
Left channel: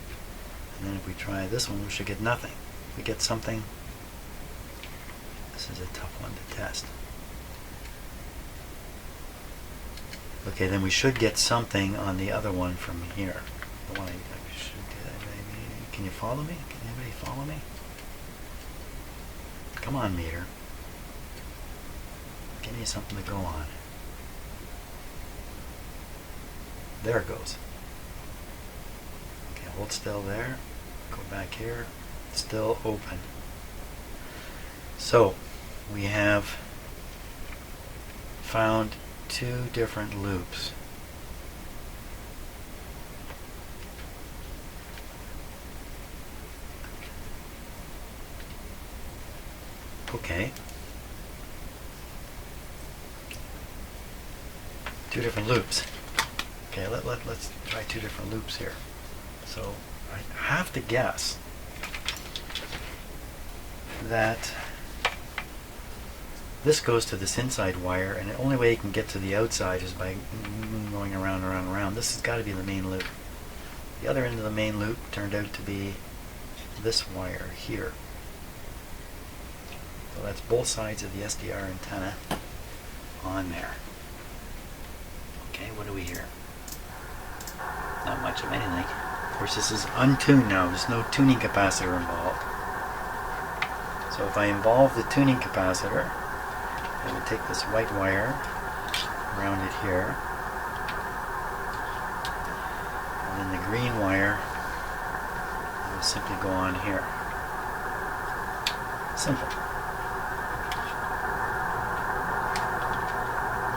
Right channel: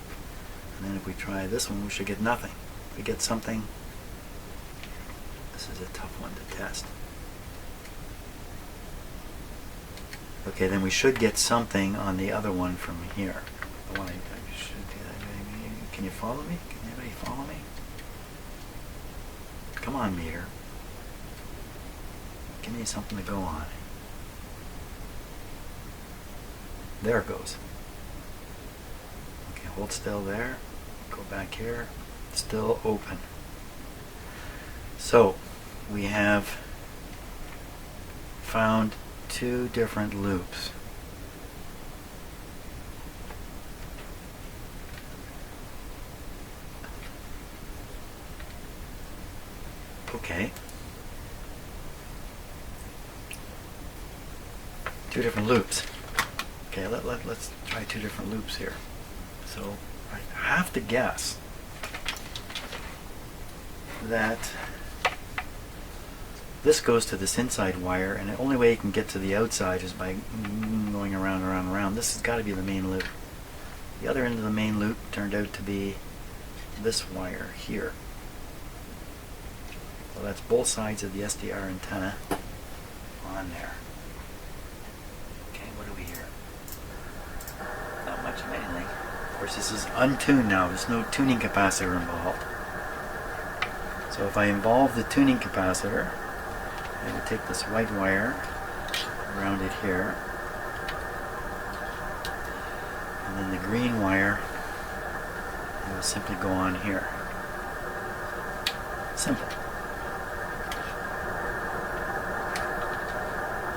and then if we try this one we should get nothing. If we get something, this is a tough one to test. Okay, then we should get something on the other one from here. The one I should do that. Can you follow me? Can anybody follow me? Come on, meter. Give me something to go on. There it goes. Okay, hold still there. Go back here. Still open. So, we have found two different loops. Okay. Two different loops. Okay, let's try two different loops here. So I have to guess that this goes to this inside wire, and the only way you can get to the outside is by going around. This has got to be the main loop. The other end of the main loop turned out to be this wire here. So that's both sides of the SDR antenna on there. Okay, what do we hear? Not much of anything. Of course, this is untuned now. There's no tuning capacitor involved. So if I involve the tuning capacitor, I would take this white wire, round it here, and then the green wire, it will simply go on here. Simple.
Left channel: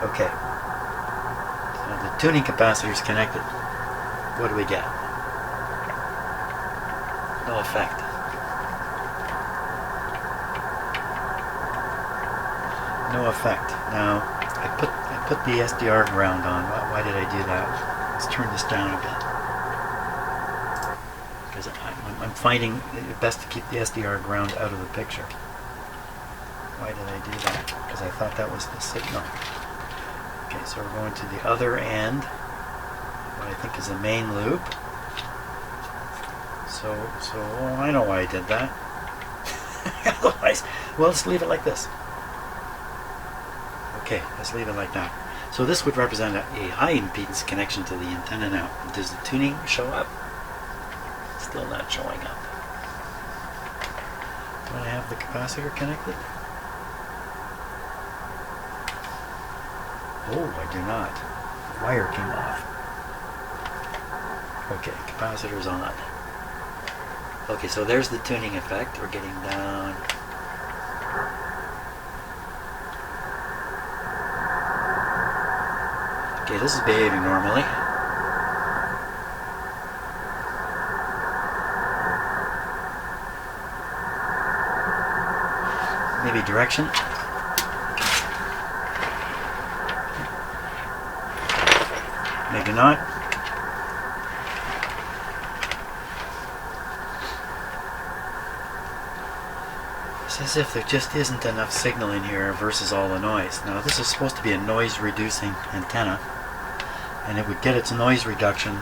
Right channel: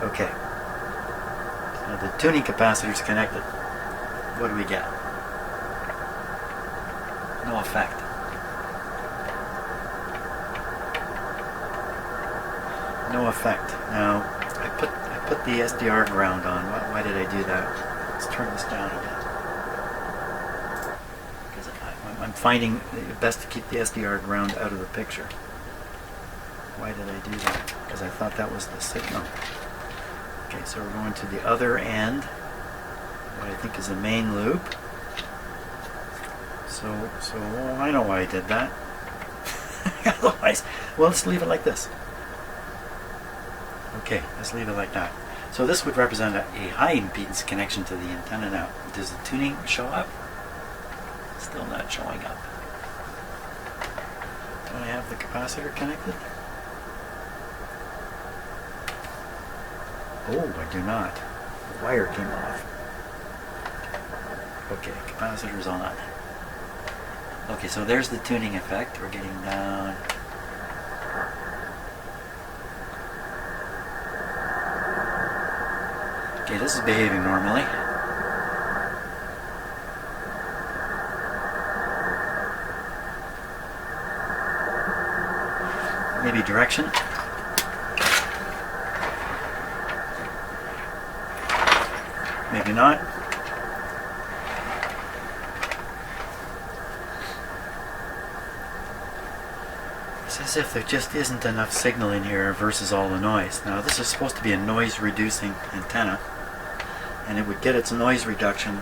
Okay. So the tuning capacitor is connected. What do we get? No effect. No effect. Now, I put the SDR ground on. Why did I do that? Let's turn this down a bit. Because I'm finding it best to keep the SDR ground out of the picture. Why did I do that? Because I thought that was the signal. Okay, so we're going to the other end, what I think is the main loop. So I know why I did that. Otherwise, well, let's leave it like this. Okay, let's leave it like that. So this would represent a high impedance connection to the antenna now. Does the tuning show up? Still not showing up. Do I have the capacitor connected? Oh, I do not. The wire came off. Okay, capacitor's on. Okay, so there's the tuning effect. We're getting down. Okay, this is behaving normally. Maybe direction. Maybe not. It's as if there just isn't enough signal in here versus all the noise. Now this is supposed to be a noise reducing antenna, and it would get its noise reduction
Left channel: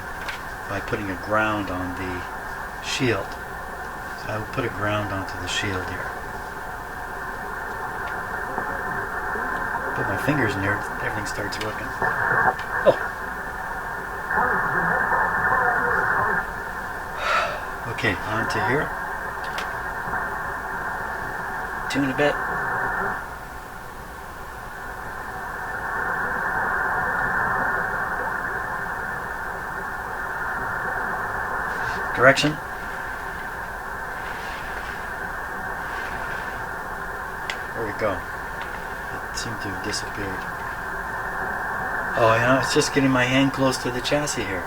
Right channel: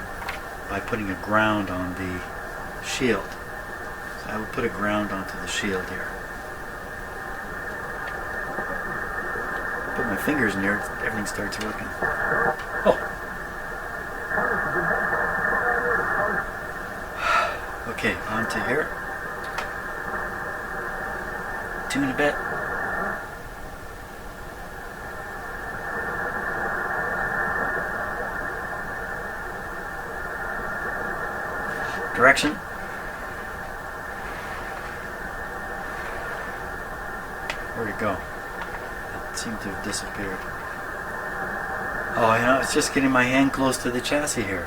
by putting a ground on the shield. So I will put a ground onto the shield here. Put my fingers in there, everything starts working. Oh! Okay, on to here. Tune a bit. Direction. Where'd it go? It seemed to have disappeared. Oh, you know, it's just getting my hand close to the chassis here.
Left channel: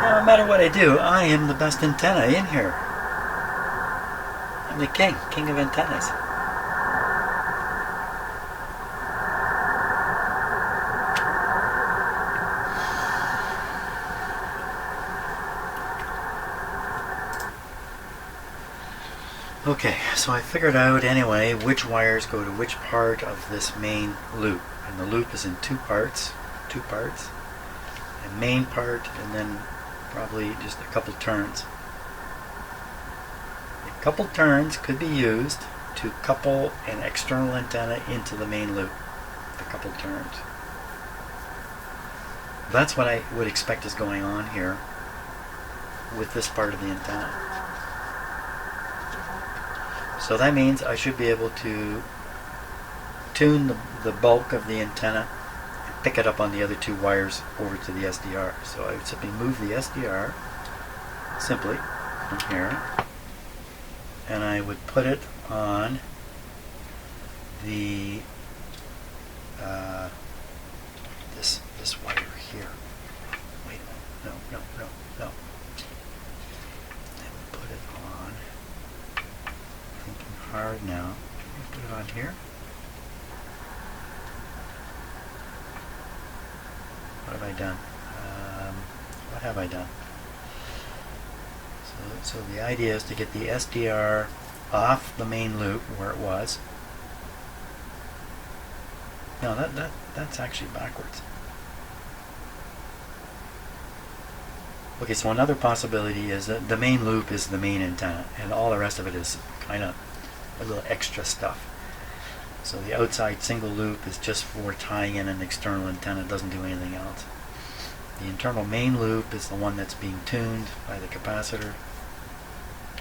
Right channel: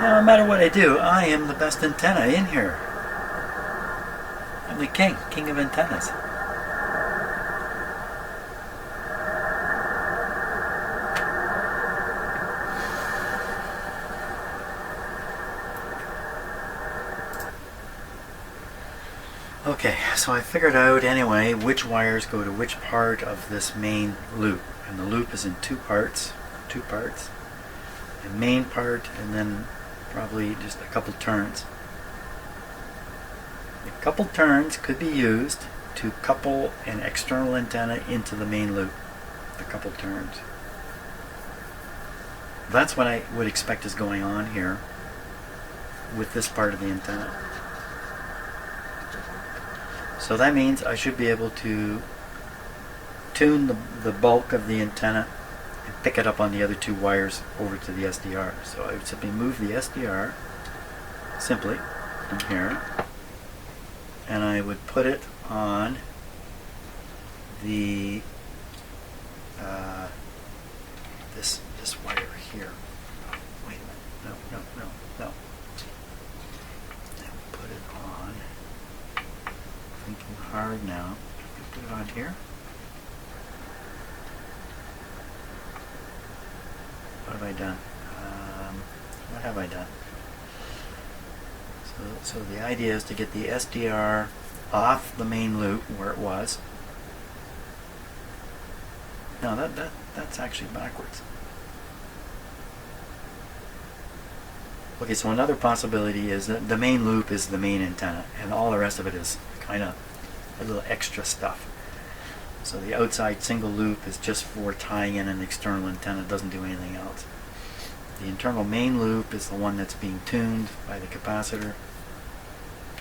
No matter what I do, I am the best antenna in here. I'm the king of antennas. Okay, so I figured out anyway which wires go to which part of this main loop. And the loop is in two parts. A main part and then probably just a couple turns. A couple turns could be used to couple an external antenna into the main loop. A couple turns. That's what I would expect is going on here with this part of the antenna. So that means I should be able to tune the bulk of the antenna and pick it up on the other two wires over to the SDR. So I would simply move the SDR simply from here, and I would put it on the this wire here. Wait a minute. No. I would put it on. Thinking hard now. Let me put it on here. What have I done? What have I done? So the idea is to get the SDR off the main loop where it was. No, that's actually backwards. Okay, so another possibility is that the main loop is the main antenna, and all the rest of it is kind of a little extra stuff. So the outside single loop is just for tying in an external antenna. It doesn't do anything else. The internal main loop is the one that's being tuned by the capacitor,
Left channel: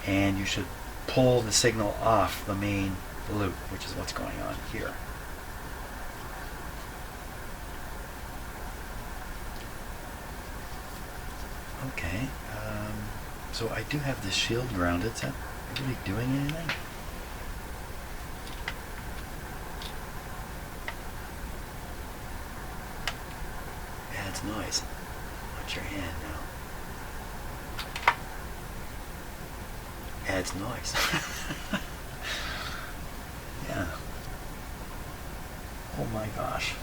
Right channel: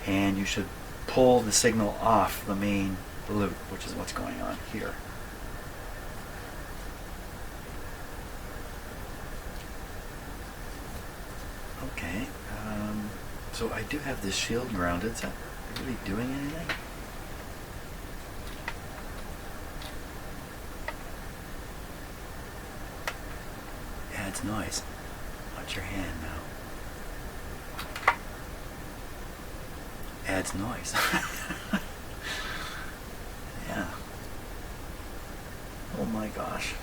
and you should pull the signal off the main loop, which is what's going on here. Okay, so I do have this shield grounded. Is that really doing anything? Adds noise. Watch your hand now. Adds noise. Yeah. Oh my gosh.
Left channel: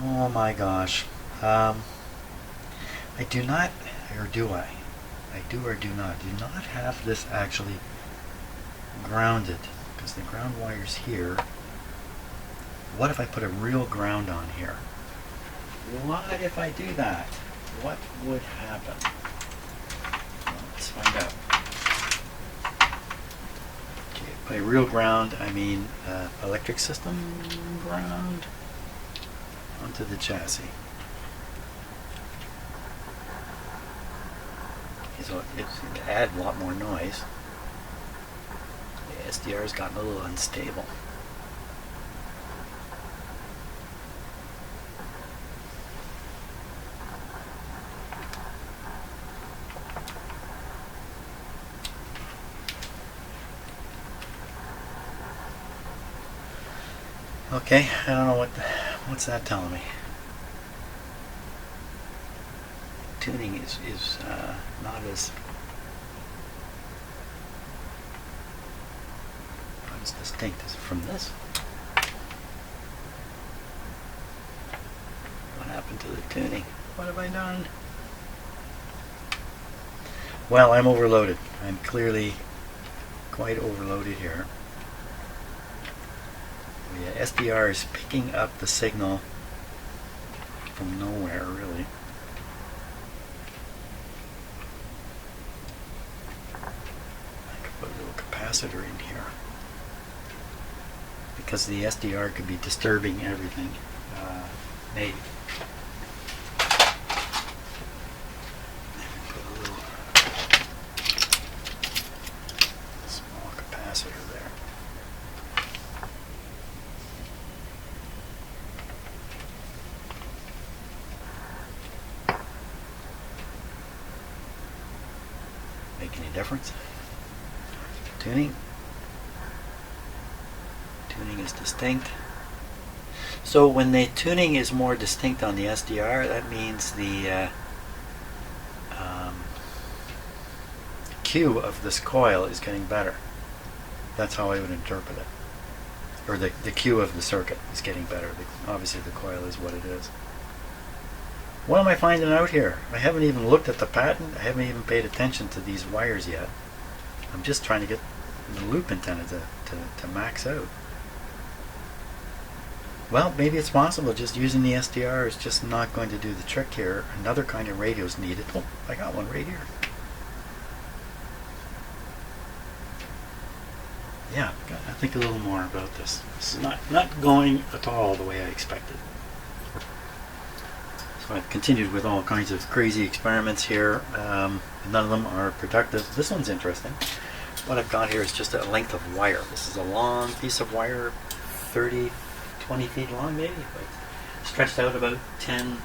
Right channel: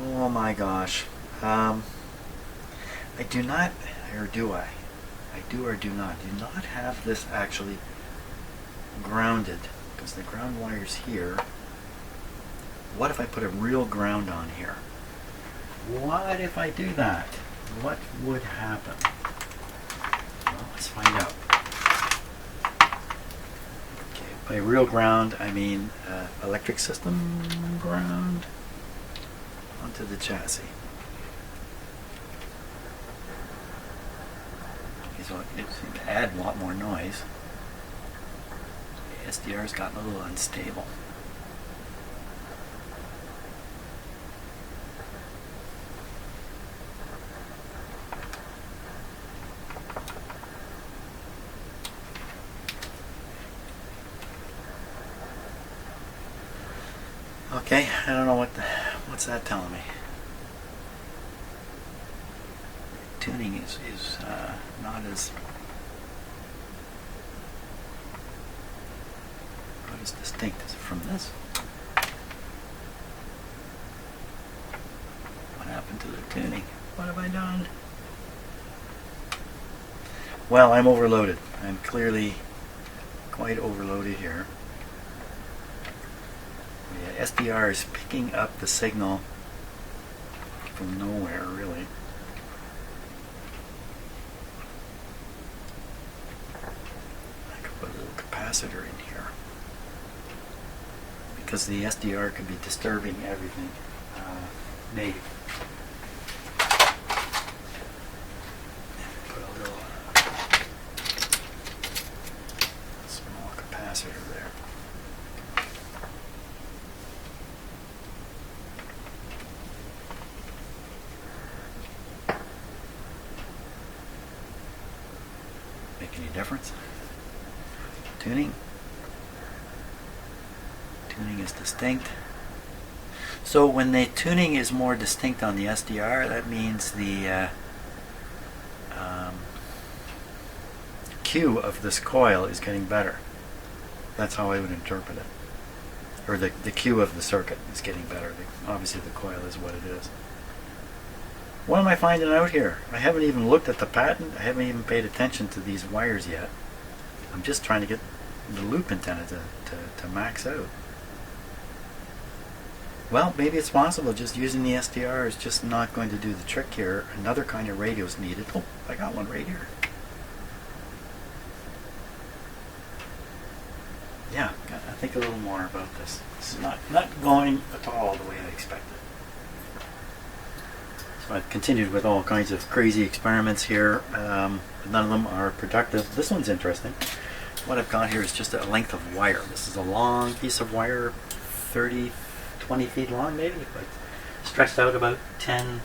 Oh my gosh. I do not, or do I? I do or do not have this actually grounded, because the ground wire's here. What if I put a real ground on here? What if I do that? What would happen? Well, let's find out. By real ground, I mean electric system ground onto the chassis. Okay, so it seemed to add a lot more noise. The SDR's gotten a little unstable. Okay, I don't know what's that telling me. Tuning is not as distinct as from this. What happened to the tuning? What have I done? Well, I'm overloaded. I'm clearly quite overloaded here. The SDR is picking up the signal from nowhere, really. I could put a little capacitor in here because the SDR could be disturbing everything. Maybe. Put a little small capacitor there. Make any difference? Tuning is distinct. So when the tuning is more distinct on the SDR, that means the Q of this coil is getting better. That's how I would interpret it. Or the Q of the circuit is getting better. Obviously the coil is what it is. What am I finding out here? I haven't even looked at the patent. I haven't even paid attention to these wires yet. I'm just trying to get the loop antenna to max out. Well, maybe it's possible just using the SDR is just not going to do the trick here. Another kind of radio is needed. Oh, I got one right here. Yeah, I think a little more about this. This is not going at all the way I expected. So I've continued with all kinds of crazy experiments here. None of them are productive. This one's interesting. What I've got here is just a length of wire. This is a long piece of wire, 20 feet long maybe, but stretched out about 10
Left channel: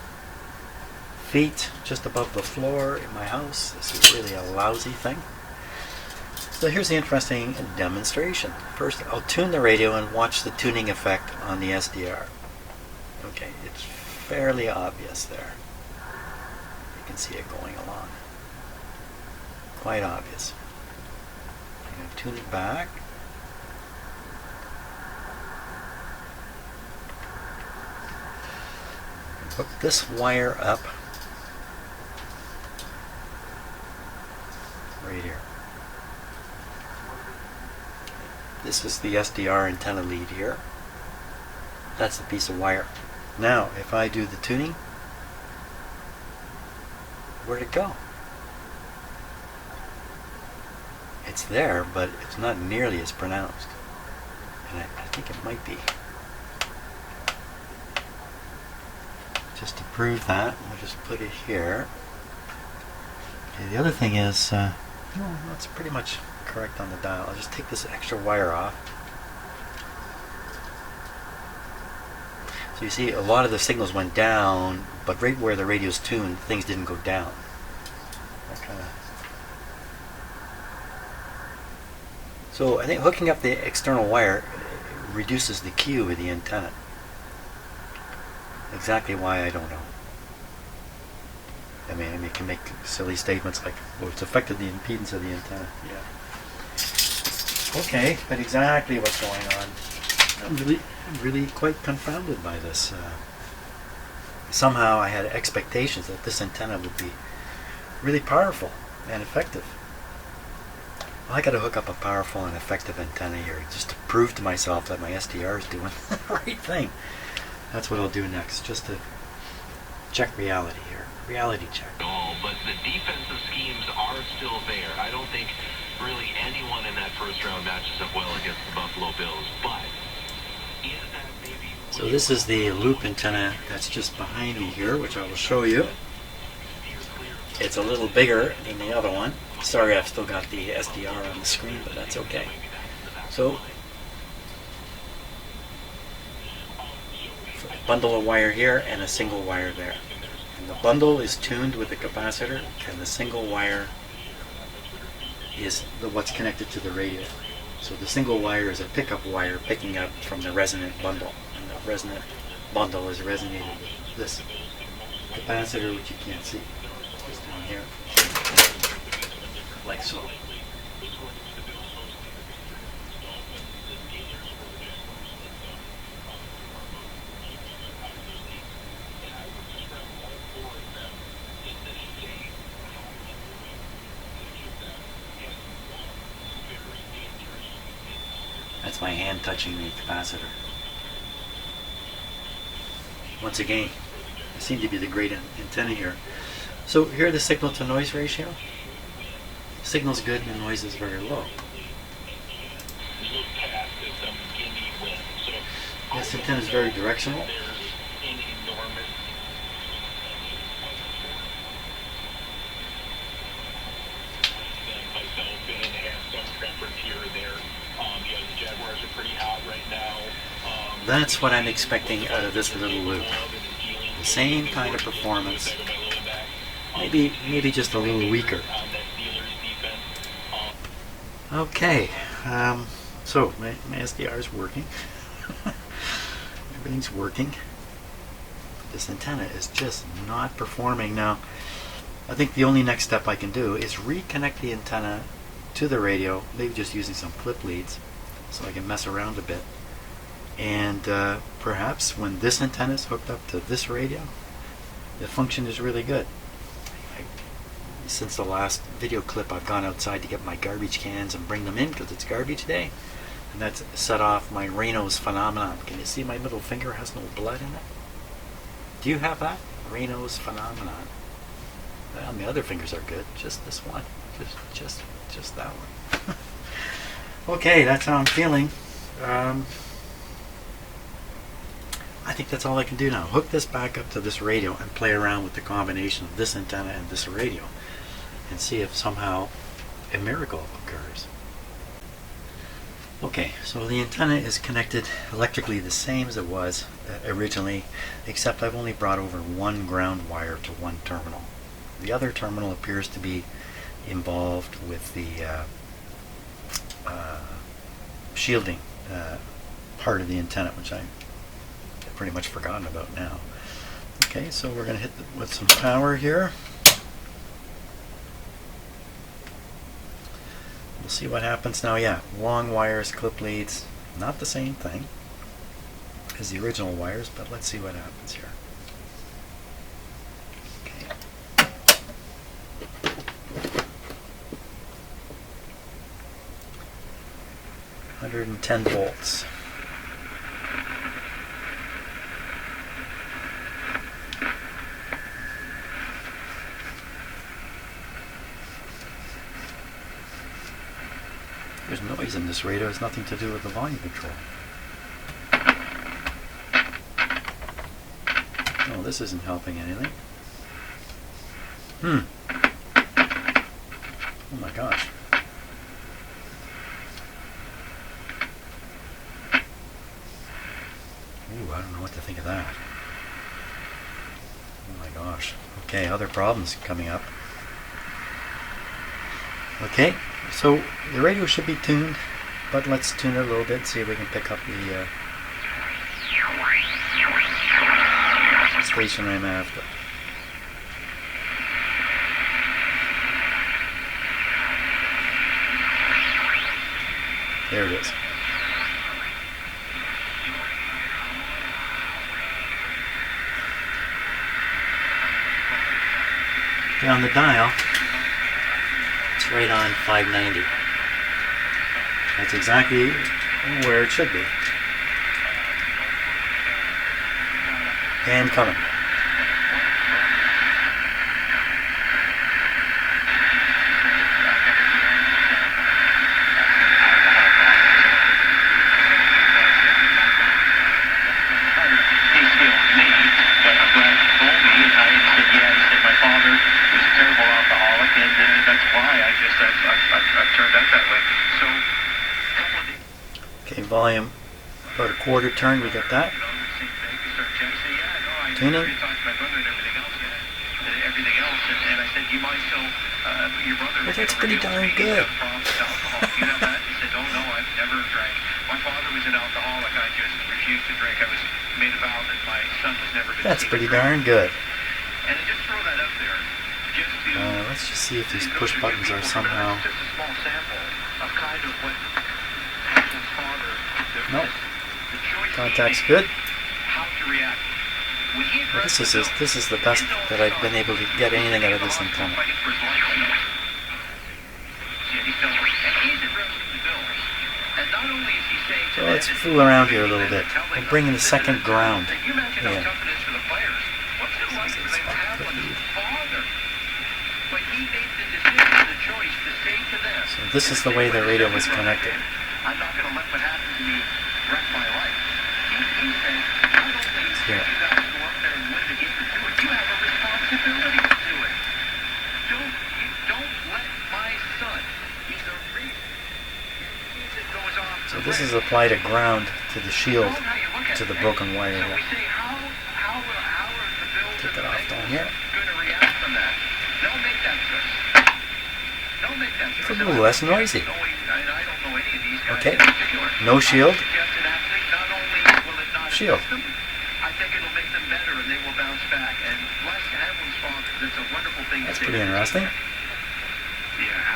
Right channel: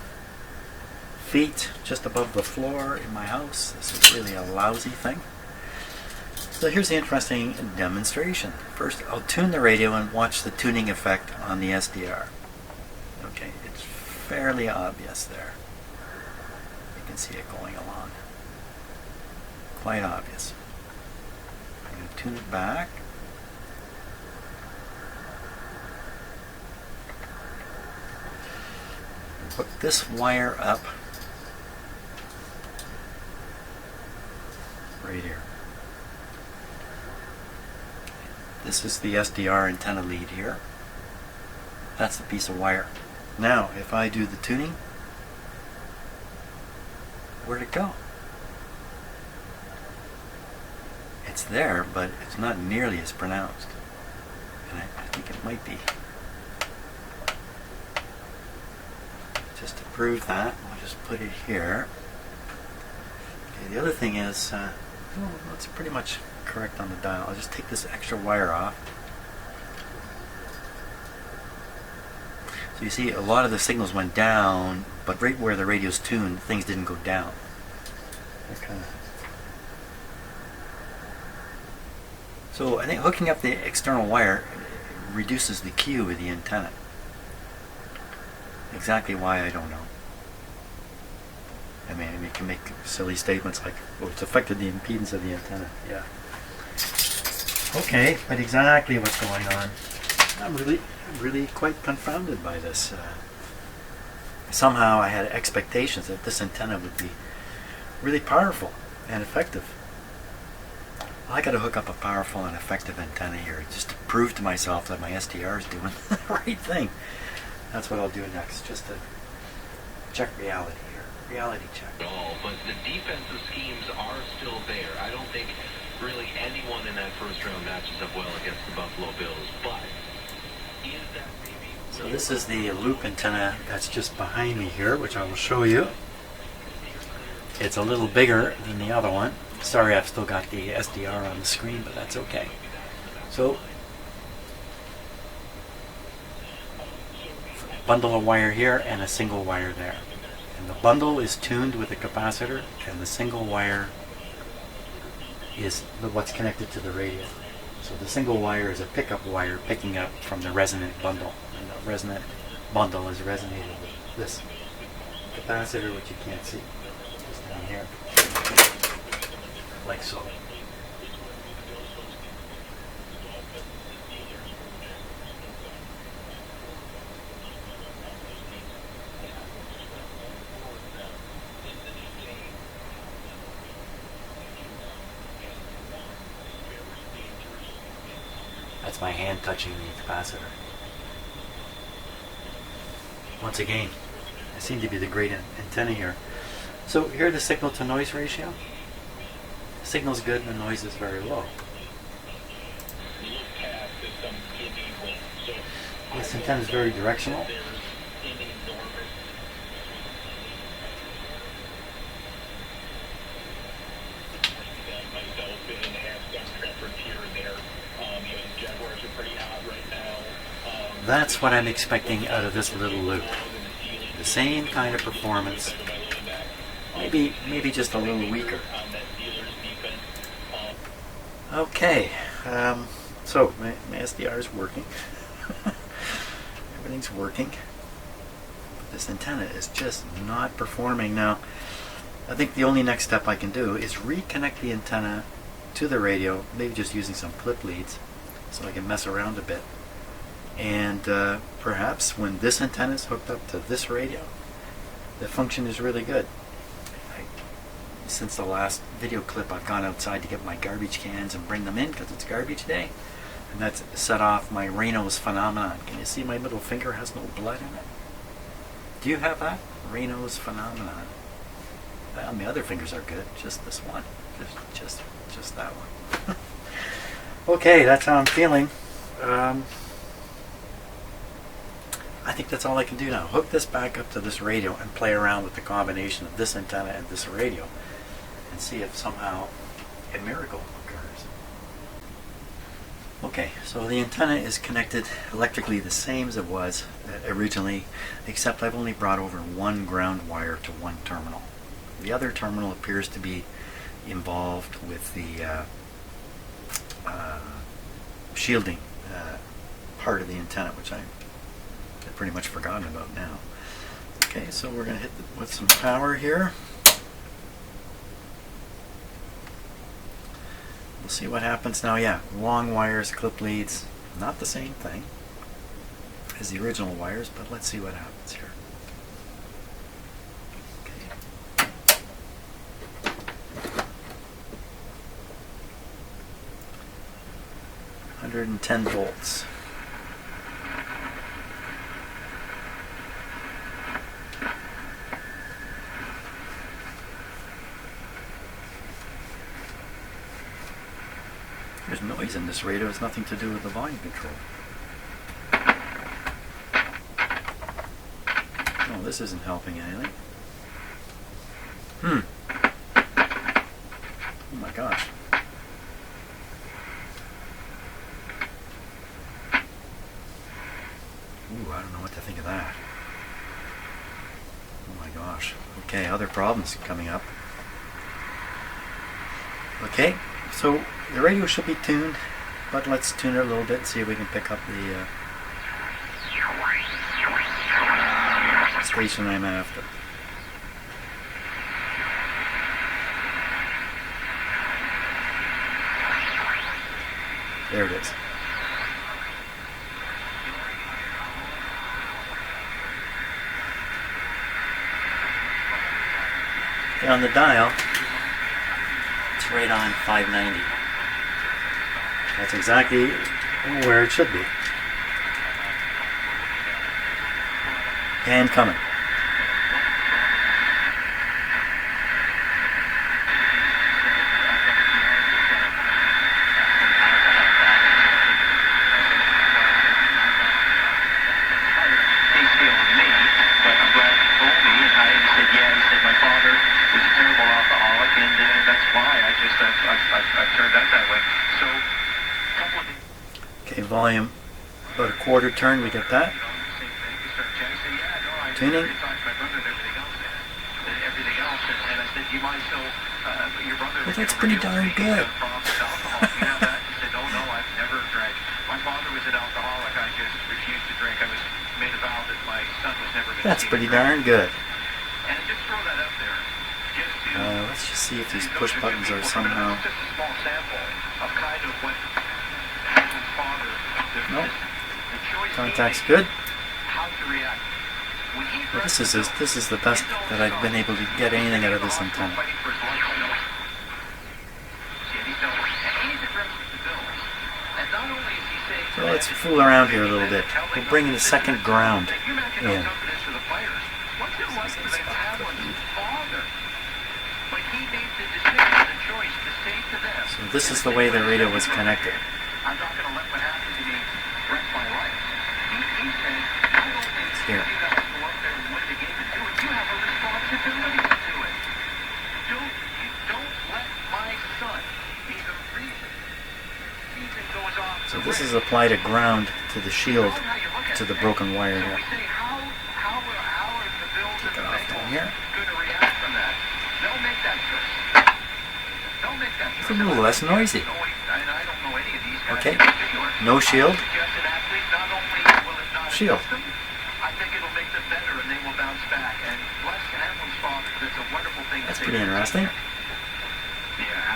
feet just above the floor in my house. This is really a lousy thing. So here's the interesting demonstration. First, I'll tune the radio and watch the tuning effect on the SDR. Okay, it's fairly obvious there. You can see it going along. Quite obvious. I'm going to tune it back. Hook this wire up right here. This is the SDR antenna lead here. That's the piece of wire. Now, if I do the tuning, where'd it go? It's there, but it's not nearly as pronounced. And I think it might be. Just to prove that, we'll just put it here. Okay, the other thing is, well, it's pretty much correct on the dial. I'll just take this extra wire off. So you see, a lot of the signals went down, but right where the radio's tuned, things didn't go down. So I think hooking up the external wire reduces the Q of the antenna. Exactly why, I don't know. I mean, you can make silly statements like, oh, it's affected the impedance of the antenna. Yeah. Okay, but exactly what's going on. I'm really quite confounded by this. Somehow I had expectations that this antenna would be really powerful and effective. Well, I got to hook up a powerful and effective antenna here just to prove to myself that my SDR is doing the right thing. That's what I'll do next, just to check reality here. Reality check. No, but the defensive schemes are still there. I don't think really anyone in that first round matches up well against the Buffalo Bills, but is that maybe... So this is the loop antenna that's just behind me here, which I will show you. It's a little bigger than the other one. Sorry, I've still got the SDR on the screen, but that's okay. So, bundle of wire here and a single wire there. And the bundle is tuned with the capacitor, and the single wire is what's connected to the radio. So the single wire is a pickup wire picking up from the resonant bundle. And the resonant bundle is resonated with this capacitor, which you can't see. Just down here. Like so. That's my hand touching the capacitor. Once again, I seem to be the great antenna here. So here the signal to noise ratio. Signal's good and the noise is very low. This antenna is very directional. That's what I'm expecting out of this little loop. The same kind of performance, maybe just a little weaker. Okay, so my SDR is working. Everything's working. This antenna is just not performing. Now, I think the only next step I can do is reconnect the antenna to the radio, maybe just using some clip leads, so I can mess around a bit. And perhaps when this antenna is hooked up to this radio, the function is really good. Since the last video clip, I've gone outside to get my garbage cans and bring them in because it's garbage day. And that's set off my Raynaud's phenomenon. Can you see my middle finger has no blood in it? Do you have that? Raynaud's phenomenon. Well, my other fingers are good. Just this one. Just that one. Okay, that's how I'm feeling. I think that's all I can do now. Hook this back up to this radio and play around with the combination of this antenna and this radio and see if somehow a miracle occurs. Okay, so the antenna is connected electrically the same as it was originally, except I've only brought over one ground wire to one terminal. The other terminal appears to be involved with the shielding part of the antenna, which I've pretty much forgotten about now. Okay, so we're going to hit with some power here. We'll see what happens now. Yeah, long wires, clip leads, not the same thing as the original wires, but let's see what happens here. Okay. 110 volts. There's noise in this radio. It has nothing to do with the volume control. No, this isn't helping anything. Oh my gosh. Ooh, I don't know what to think of that. Oh my gosh. Okay, other problems coming up. Okay, so the radio should be tuned, but let's tune it a little bit and see if we can pick up the station I'm after. There it is. Okay, on the dial, it's right on 590. That's exactly where it should be. And coming. Okay, volume about a quarter turn, we get that. Tuning. Well, that's pretty darn good. That's pretty darn good. Let's just see if these push buttons are somehow... Nope. Contact's good. Well, this is the best that I've been able to get anything out of this antenna. So let's fool around here a little bit. We'll bring in the second ground in. So this is the way the radio was connected. It's here. So this is applied a ground to the shield, to the broken wire here. Take it off down here. It's a little less noisy. Okay, no shield. Shield. That's pretty interesting. Yeah,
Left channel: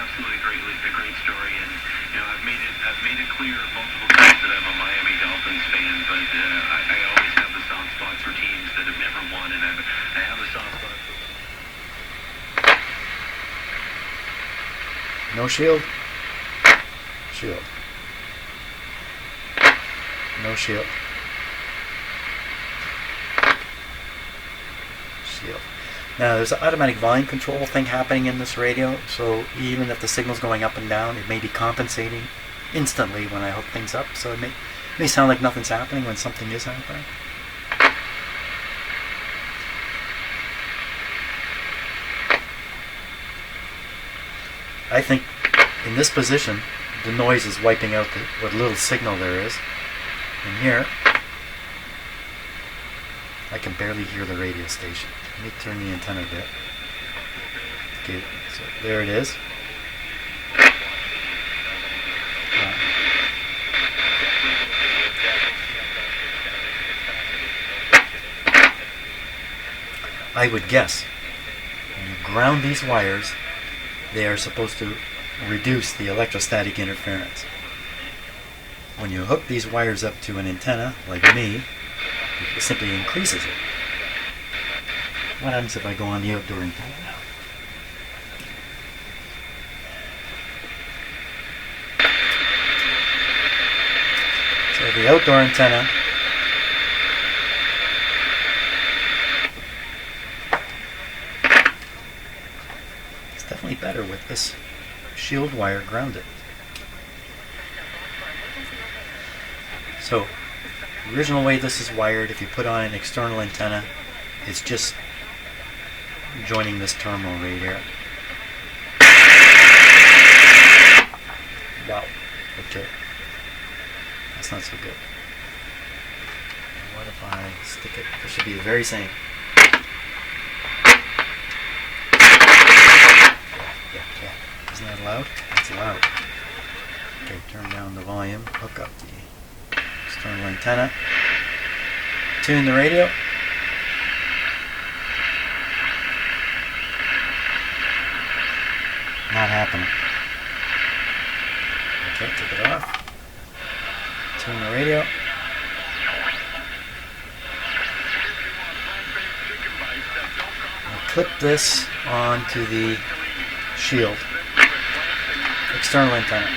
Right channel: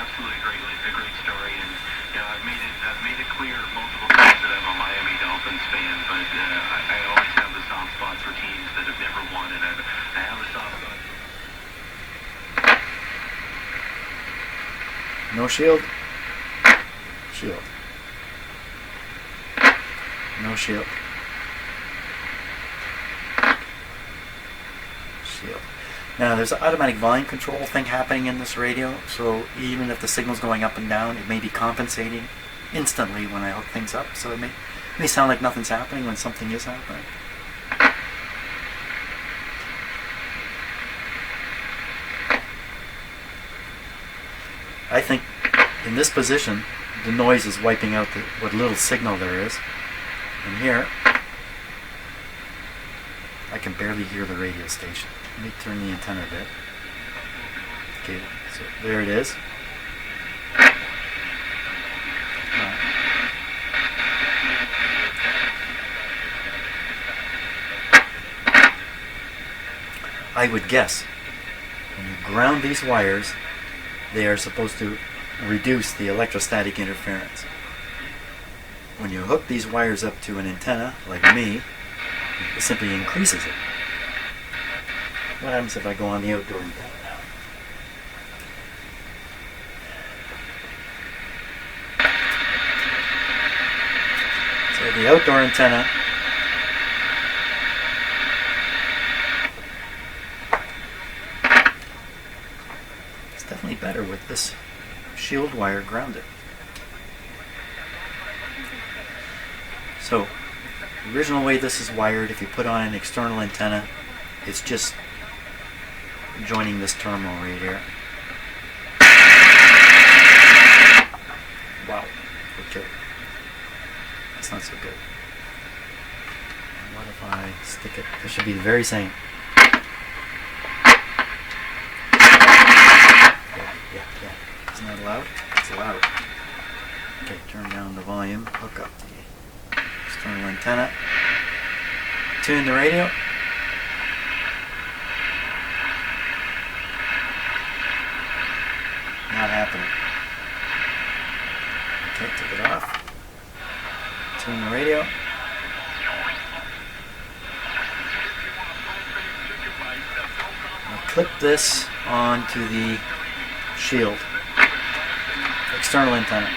absolutely a great story. And you know, I've made it clear multiple times that I'm a Miami Dolphins fan, but I always have a soft spot for teams that have never won, and I have a soft spot for. No shield. Shield. No shield. Shield. Now there's an automatic volume control thing happening in this radio, so even if the signal's going up and down, it may be compensating instantly when I hook things up, so it may sound like nothing's happening when something is happening. I think in this position the noise is wiping out what little signal there is. And here I can barely hear the radio station. Let me turn the antenna a bit. Okay, so there it is. I would guess when you ground these wires, they are supposed to reduce the electrostatic interference. When you hook these wires up to an antenna, like me, it simply increases it. What happens if I go on the outdoor antenna now? So the outdoor antenna is definitely better with this shield wire grounded. So the original way this is wired, if you put on an external antenna, it's just joining this terminal right here. Wow. Okay. That's not so good. And what if I stick it? This should be the very same. Yeah. Isn't that loud? That's loud. Okay, turn down the volume, hook up the external antenna, tune the radio. Not happening. Okay, take it off. Tune the radio. I'll clip this onto the shield. External antenna.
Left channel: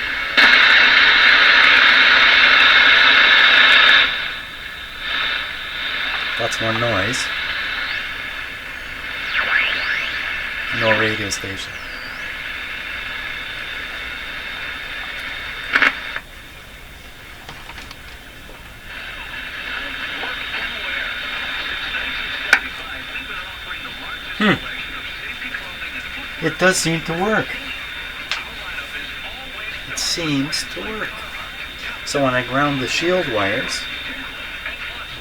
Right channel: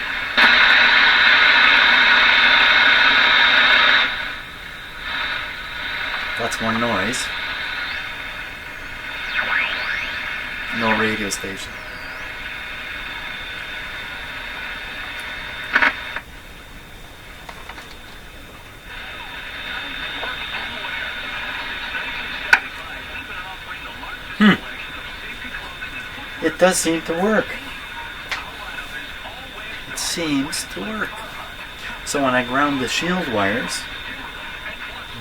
That's more noise. No radio station. It does seem to work. It seems to work. So when I ground the shield wires,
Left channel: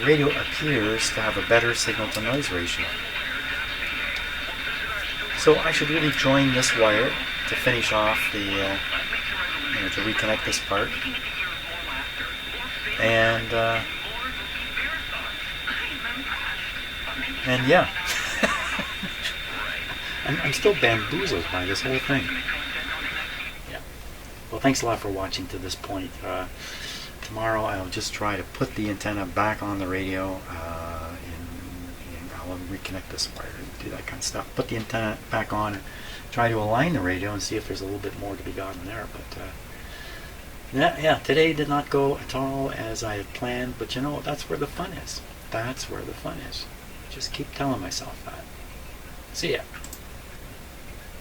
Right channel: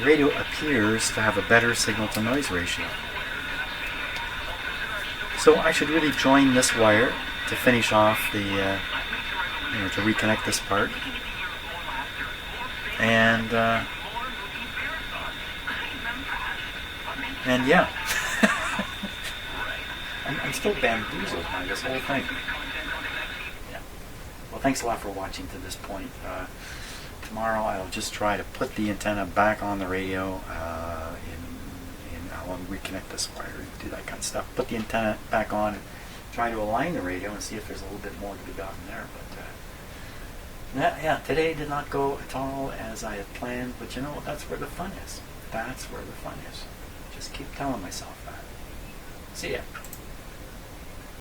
the radio appears to have a better signal to noise ratio. So I should really join this wire to finish off the, to reconnect this part. And yeah, I'm still bamboozled by this whole thing. Yeah. Well, thanks a lot for watching to this point. Tomorrow I'll just try to put the antenna back on the radio. I'll reconnect this wire, do that kind of stuff. Put the antenna back on and try to align the radio and see if there's a little bit more to be gotten there. But yeah, today did not go at all as I had planned. But you know, that's where the fun is. That's where the fun is. Just keep telling myself that. See ya.